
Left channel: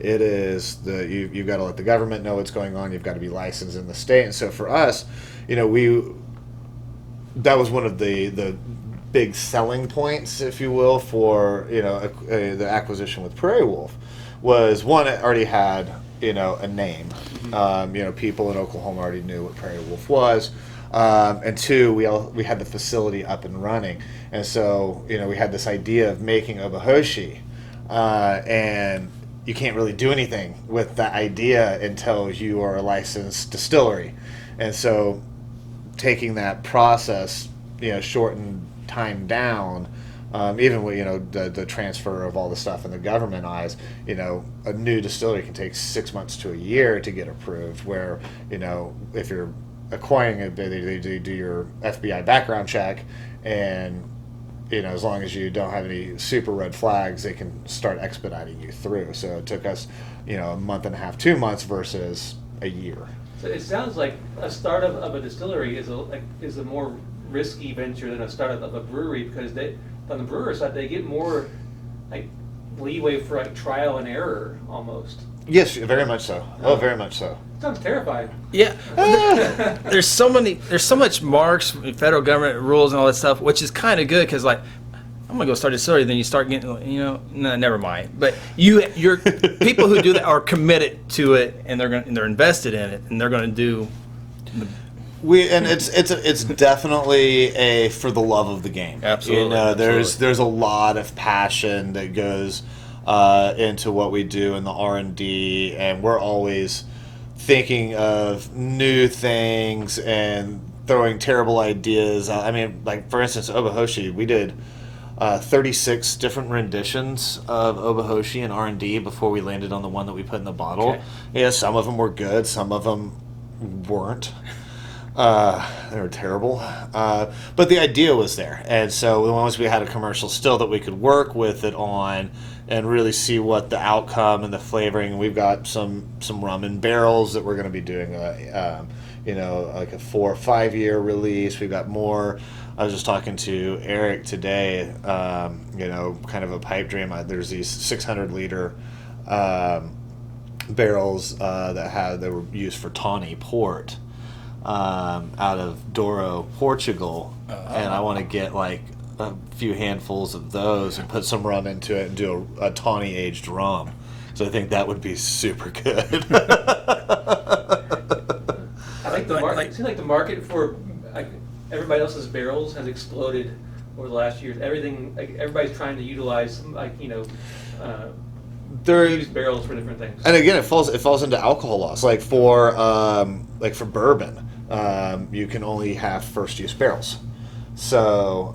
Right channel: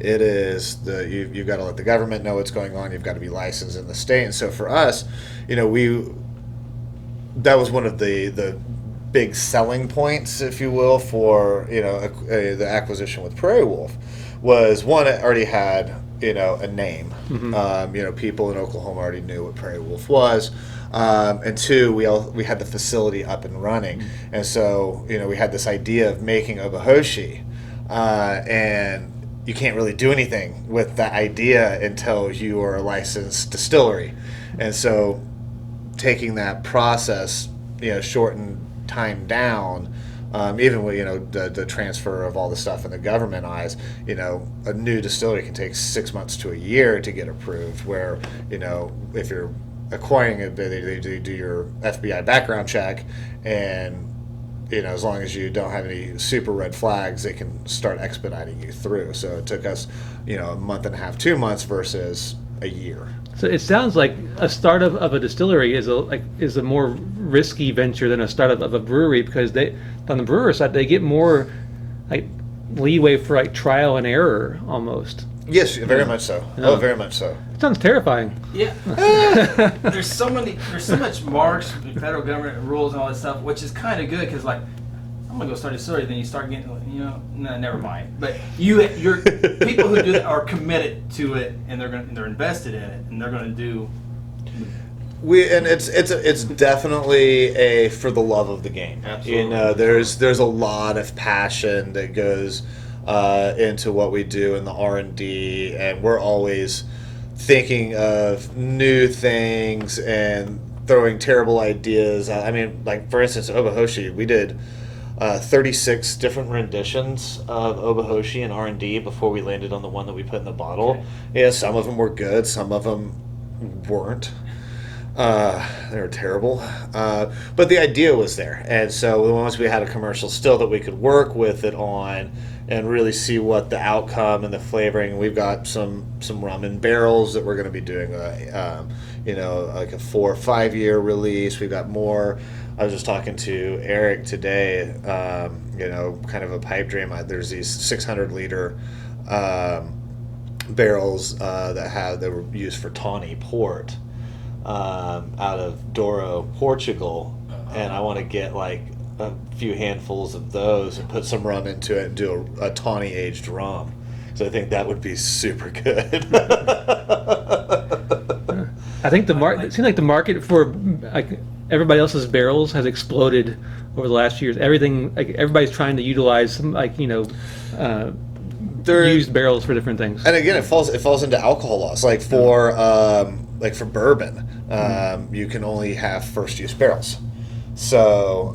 it is you've got to let the government know what's going on. You've got to be licensed in the state. And so for us, that was one of the big selling points, if you will, for the acquisition with Prairie Wolf, was one, it already had a name. People in Oklahoma already knew what Prairie Wolf was. And two, we had the facility up and running, and so we had this idea of making Obahoshi, and you can't really do anything with that idea until you are a licensed distillery. And so taking that process, shorten time down, even with, the transfer of all the stuff in the government eyes, a new distillery can take 6 months to a year to get approved, where, if you're acquiring it, they do your FBI background check, and as long as you don't have any super red flags, they can start expediting you through. So it took us, a month and a half, 2 months versus a year. So it sounds like a startup of a distillery is a more risky venture than a startup of a brewery, because on the brewer side they get more like leeway for like trial and error almost. Yes, very much so. Oh, very much so. It sounds terrifying. Yeah. There's so much marks, federal government rules and all that stuff, which is kind of good, because like, I'm gonna go start a distillery, then you start getting, no, never mind. But your people who do that are committed to it, and they're invested in it, and they're gonna do. It's definitely a for the love of the game. Absolutely. There's a lot of passion that goes into what we do in the R&D, and we're always thinking of new things and throwing terrible ideas. I mean, like for instance, Obahoshi, we did 36 different renditions of Obahoshi in R&D before we landed on the one that we put in the bottle. Okay. Yeah, some of them were good, some of them weren't. They were terrible, but the idea was there, and so once we had a commercial still that we could work with it on and really see what the outcome and the flavoring. We've got some rum in barrels that we're going to be doing, like a 4 or 5 year release. We've got more. I was just talking to Eric today, kind of a pipe dream. There's these 600 liter barrels that were used for tawny port. Out of Douro, Portugal, and I want to get like a few handfuls of those and put some rum into it and do a tawny aged rum. So I think that would be super good. I think it seems like the market for like everybody else's barrels has exploded over the last few years. Everybody's trying to utilize some used barrels for different things. And again, it falls into alcohol laws. Like for bourbon, you can only have first use barrels. So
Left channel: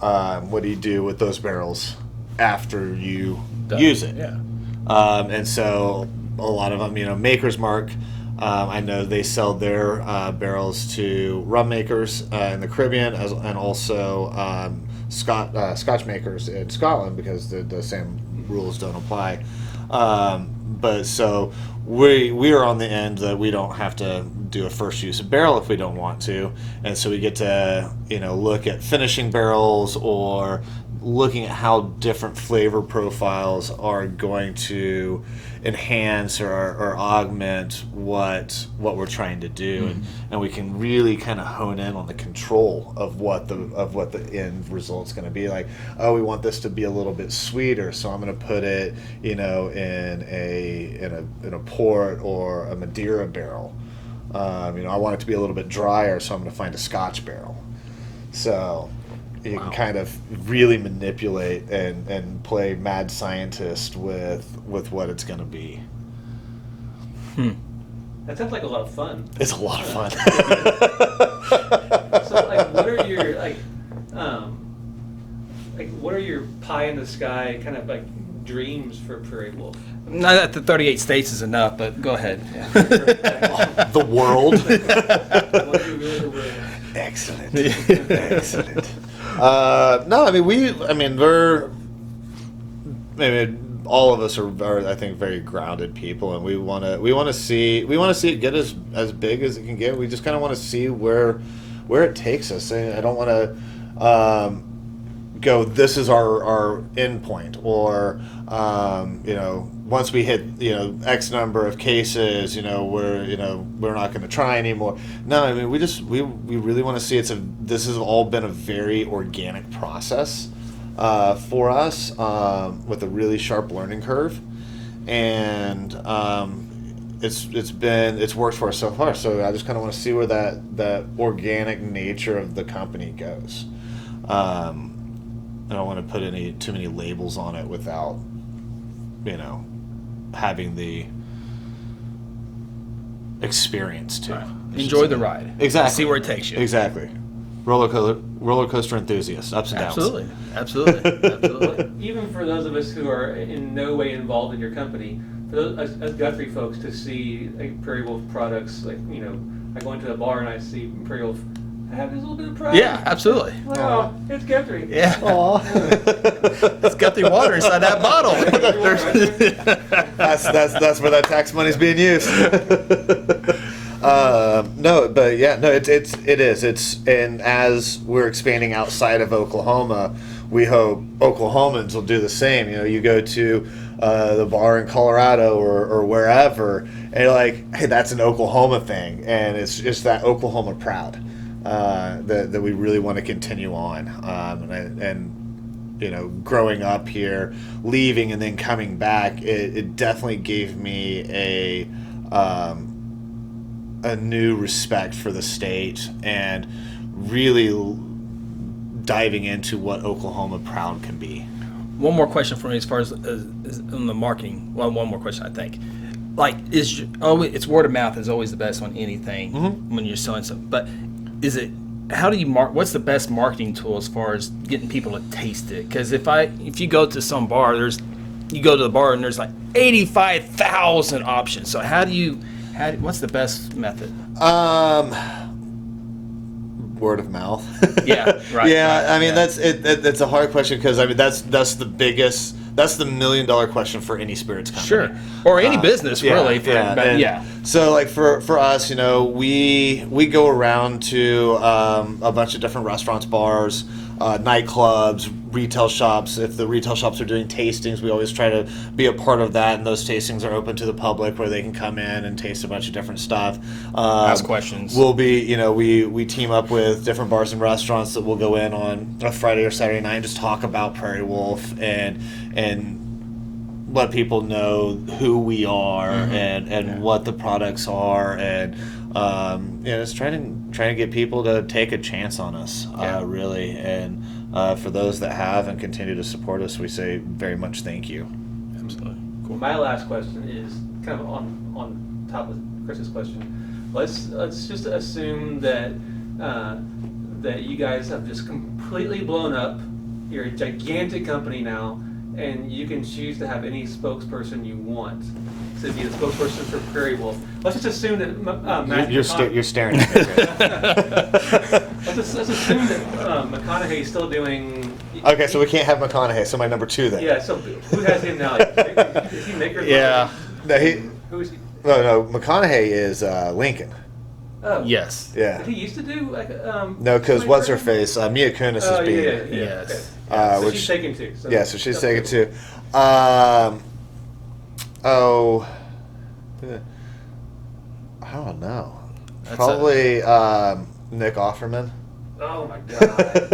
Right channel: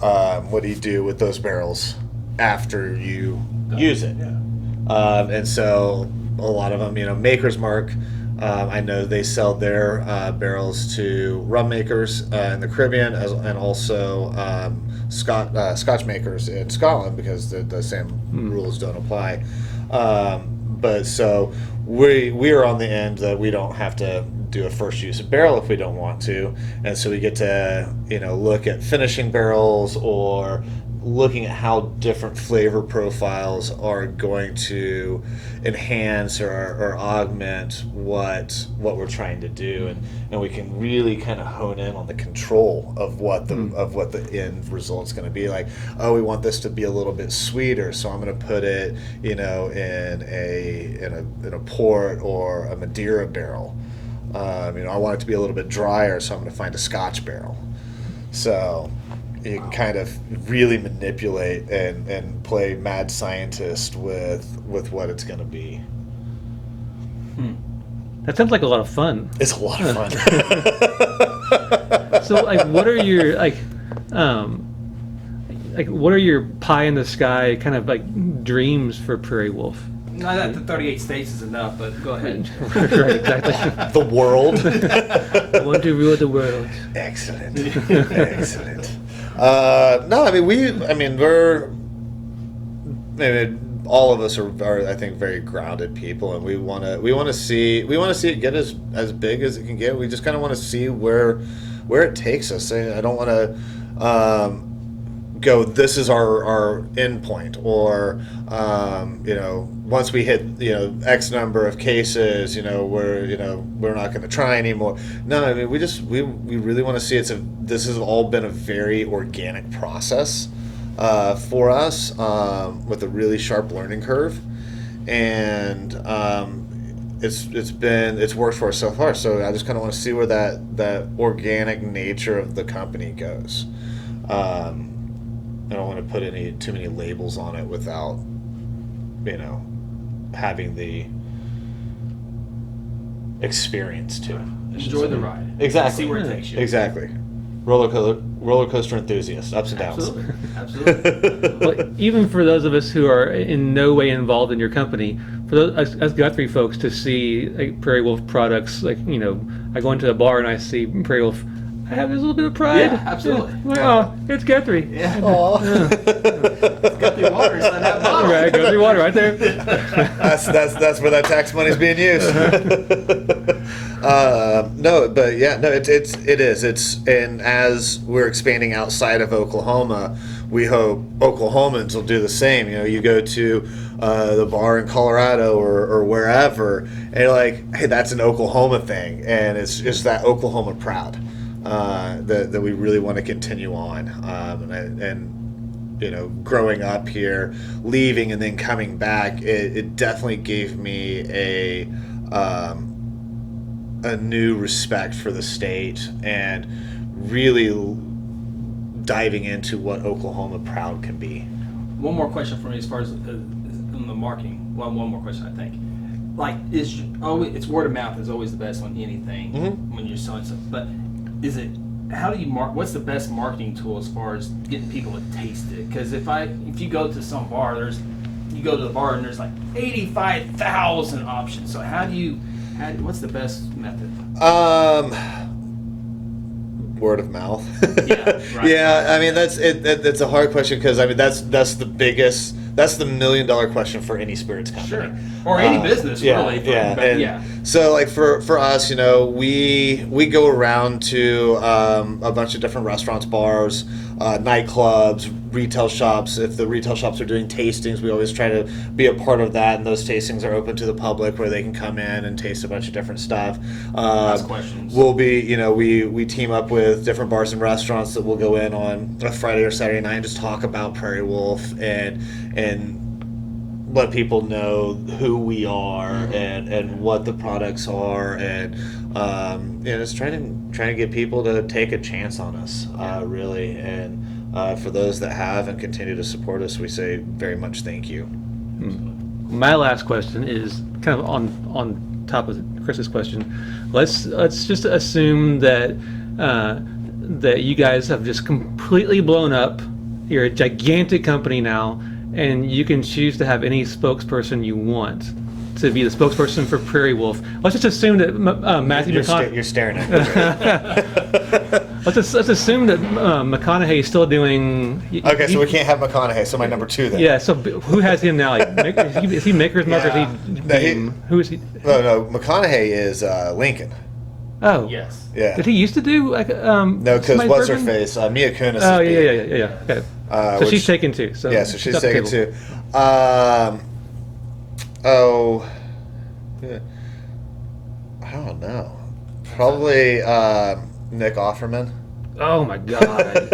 what do you do with those barrels after you use it? Yeah. And so a lot of them, Maker's Mark, I know they sell their barrels to rum makers in the Caribbean, and also Scotch makers in Scotland, because the same rules don't apply. But so we are on the end that we don't have to do a first use barrel if we don't want to, and so we get to look at finishing barrels or looking at how different flavor profiles are going to enhance or augment what we're trying to do, and we can really kind of hone in on the control of what the end result's going to be. Like, oh, we want this to be a little bit sweeter, so I'm going to put it in a port or a Madeira barrel. I want it to be a little bit drier, so I'm going to find a Scotch barrel. So you can kind of really manipulate and play mad scientist with what it's going to be. That sounds like a lot of fun. It's a lot of fun. So, like, what are your what are your pie in the sky kind of like dreams for Prairie Wolf? Not that the 38 states is enough, but go ahead. Right, exactly. The world. I want to rule the world. Excellent. Excellent. No, I mean we're all of us are I think very grounded people, and we want to see it get as big as it can get. We just kind of want to see where it takes us. I don't want to go, this is our end point, or once we hit X number of cases, we're not going to try anymore. No, I mean we really want to see this has all been a very organic process for us, with a really sharp learning curve, and it's worked for us so far. So I just kind of want to see where that organic nature of the company goes. I don't want to put too many labels on it without having the experience too. Enjoy the ride. Exactly. See where it takes you. Exactly. Roller coaster enthusiast, ups and downs. Absolutely. Well, even for those of us who are in no way involved in your company, for those as Guthrie folks to see like Prairie Wolf products, like I go into a bar and I see Prairie Wolf, I have this little bit of pride. Yeah, absolutely. Wow, it's Guthrie. Yeah. Aww. It's Guthrie water inside that bottle. Right, Guthrie water right there. That's where that tax money is being used. No, but yeah, no, it is. And as we're expanding outside of Oklahoma, we hope Oklahomans will do the same. You go to the bar in Colorado or wherever, and you're like, hey, that's an Oklahoma thing, and it's just that Oklahoma proud that we really want to continue on. And growing up here, leaving and then coming back, it definitely gave me a new respect for the state and really diving into what Oklahoma proud can be. One more question for me as far as on the marketing. Well, one more question, I think. Like, it's word of mouth is always the best on anything when you're selling something. But how do you what's the best marketing tool as far as getting people to taste it? Because if you go to some bar, you go to the bar and there's like 85,000 options. So what's the best method? Word of mouth. Yeah, right. Yeah, right, I mean that's a hard question because I mean that's the biggest. That's the $1 million question for any spirits company. Sure. Or any business, really. So, like, for us, we go around to a bunch of different restaurants, bars, nightclubs, retail shops. If the retail shops are doing tastings, we always try to be a part of that, and those tastings are open to the public where they can come in and taste a bunch of different stuff. Ask questions. We'll be, we team up with different bars and restaurants that will go in on a Friday or Saturday night and just talk about Prairie Wolf and let people know who we are and what the products are and just trying to get people to take a chance on us, really. And for those that have and continue to support us, we say very much thank you. Absolutely. My last question is kind of on top of Chris's question. Let's just assume that that you guys have just completely blown up. You're a gigantic company now, and you can choose to have any spokesperson you want to be the spokesperson for Prairie Wolf. Let's just assume that Matthew You're staring at me. Let's assume that McConaughey is still doing. Okay, so we can't have McConaughey. So my number 2 then. Yeah. So who has him now? Like, is he Maker's Yeah. Who is he? No. McConaughey is Lincoln. Oh. Yes. Yeah. Did he used to do like No, because Somebody what's her Perfect? face? Mia Kunis Oh is yeah. being. Yes. Okay. So Which- she's taken too. So Yeah, so she's it's up taken to too. I don't know. Probably Nick Offerman. Oh my God.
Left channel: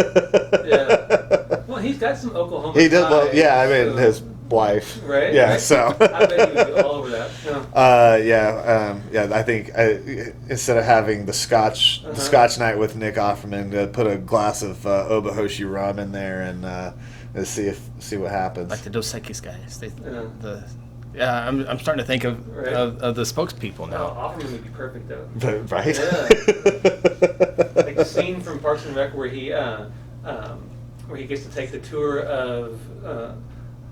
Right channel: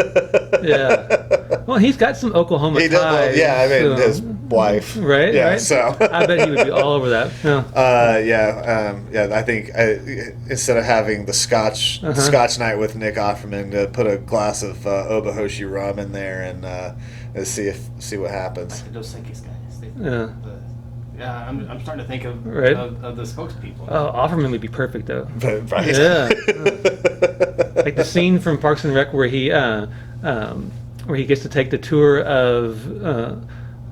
Yeah. Well, he's got some Oklahoma He did. Well, ties, yeah, I mean so- his wife. Right. Yeah. Right? So. I bet he would be all over that. Yeah. I think instead of having the Scotch night with Nick Offerman, put a glass of Obahoshi rum in there and see what happens. Like the Dos Equis guys. Yeah. I'm starting to think of Right. of the spokespeople. Oh, Offerman would be perfect though. Right. Yeah. Like the scene from Parks and Rec where he gets to take the tour of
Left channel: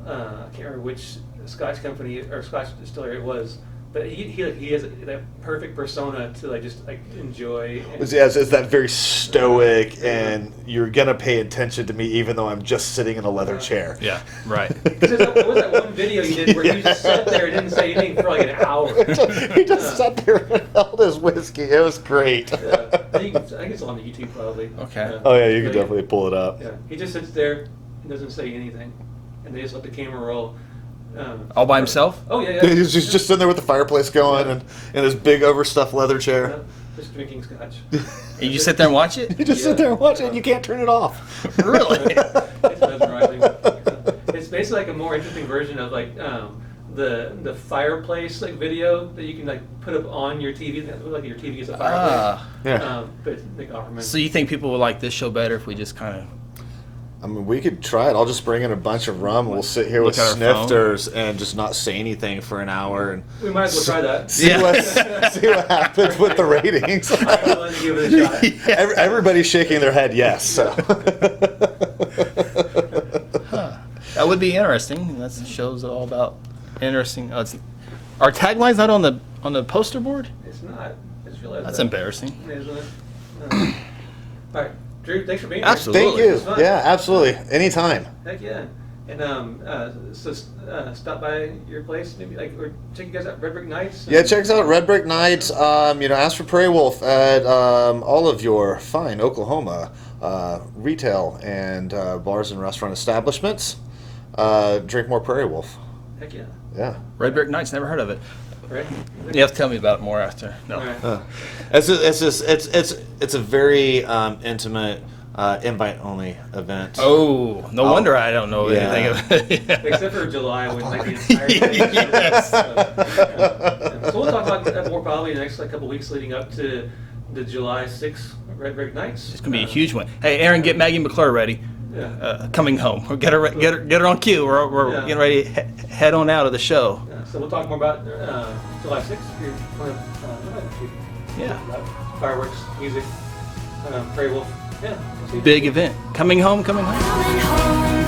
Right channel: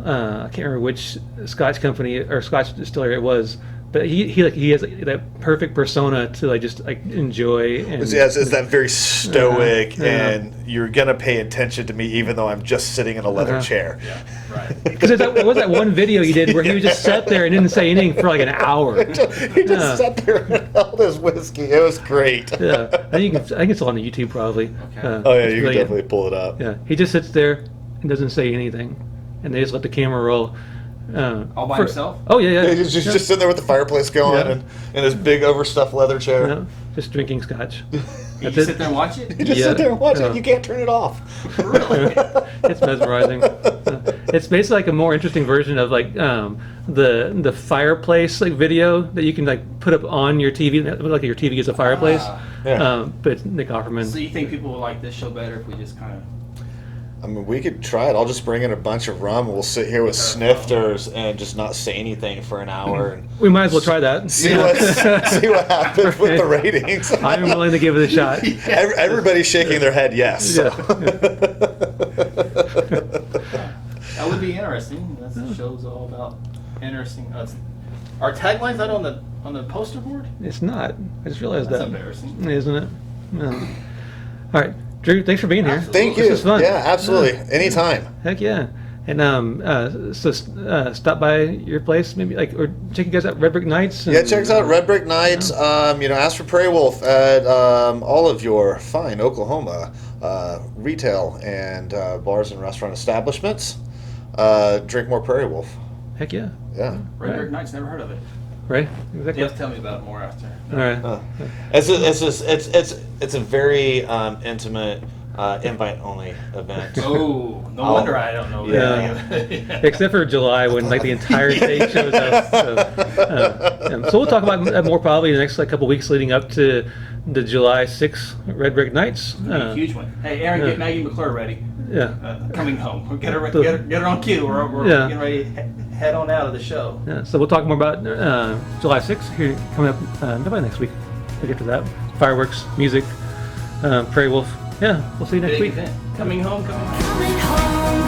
I can't remember which Scotch company or Scotch distillery it was, but he has that perfect persona to just enjoy. And, It's that very stoic, Yeah. and you're gonna pay attention to me even though I'm just sitting in a leather chair. Yeah, right. Because there was that one video you did where he just sat there and didn't say anything for like an hour. He just sat there and held his whiskey. It was great. Yeah, I think it's on the YouTube probably. Okay. Oh yeah, you can Really- definitely pull it up. Yeah, he just sits there and doesn't say anything, and they just let the camera roll. All by himself? Oh yeah. He's just sitting there with the fireplace going Yeah. and in his big overstuffed leather chair. Yeah, just drinking scotch. And you sit there and watch it? You just sit there and watch Yeah. it. You can't turn it off. Really? It's mesmerizing. It's basically like a more interesting version of the fireplace video that you can put up on your TV. Like your TV gets a fireplace. Yeah. But Nick Offerman. So you think people will like this show better if we just kind of I mean, we could try it. I'll just bring in a bunch of rum and we'll sit here with Look at our snifters and just not say anything for an hour and We might as well try that. see what happens with the ratings. I'm willing to give it a shot. Everybody's shaking their head yes. So. That would be interesting. That's the show's all about interesting. Our tagline's not on the poster board. It's not. I just realized That's that. embarrassing. Isn't it? No. All right, Drew. Thanks for being here. Absolutely. Thank This you. was fun. Yeah, absolutely. Anytime. Heck yeah. And stop by your place, maybe or check you guys out Red Brick Nights. Yeah, check us out Red Brick Nights. Ask for Prairie Wolf at all of your fine Oklahoma retail and bars and restaurant establishments. Drink more Prairie Wolf. Heck yeah. Yeah. Red Brick Nights. Never heard of it. Right. You have to tell me about it more after. No. All right. It's a very intimate invite only event. Oh, no wonder I don't know anything of it. Except for July when the entire thing shows up. So we'll talk about that more probably in the next couple weeks leading up to the July 6th Red Brick Nights. It's gonna be a huge one. Hey, Aaron, get Maggie McClure ready. Yeah. Coming home. Get her on cue. We're getting ready to head on out of the show. Yeah. So we'll talk more about July 6th here coming up probably next week. Yeah. After that, fireworks, music, Prairie Wolf. Yeah, we'll see you next Big week. event. Coming home. Coming home.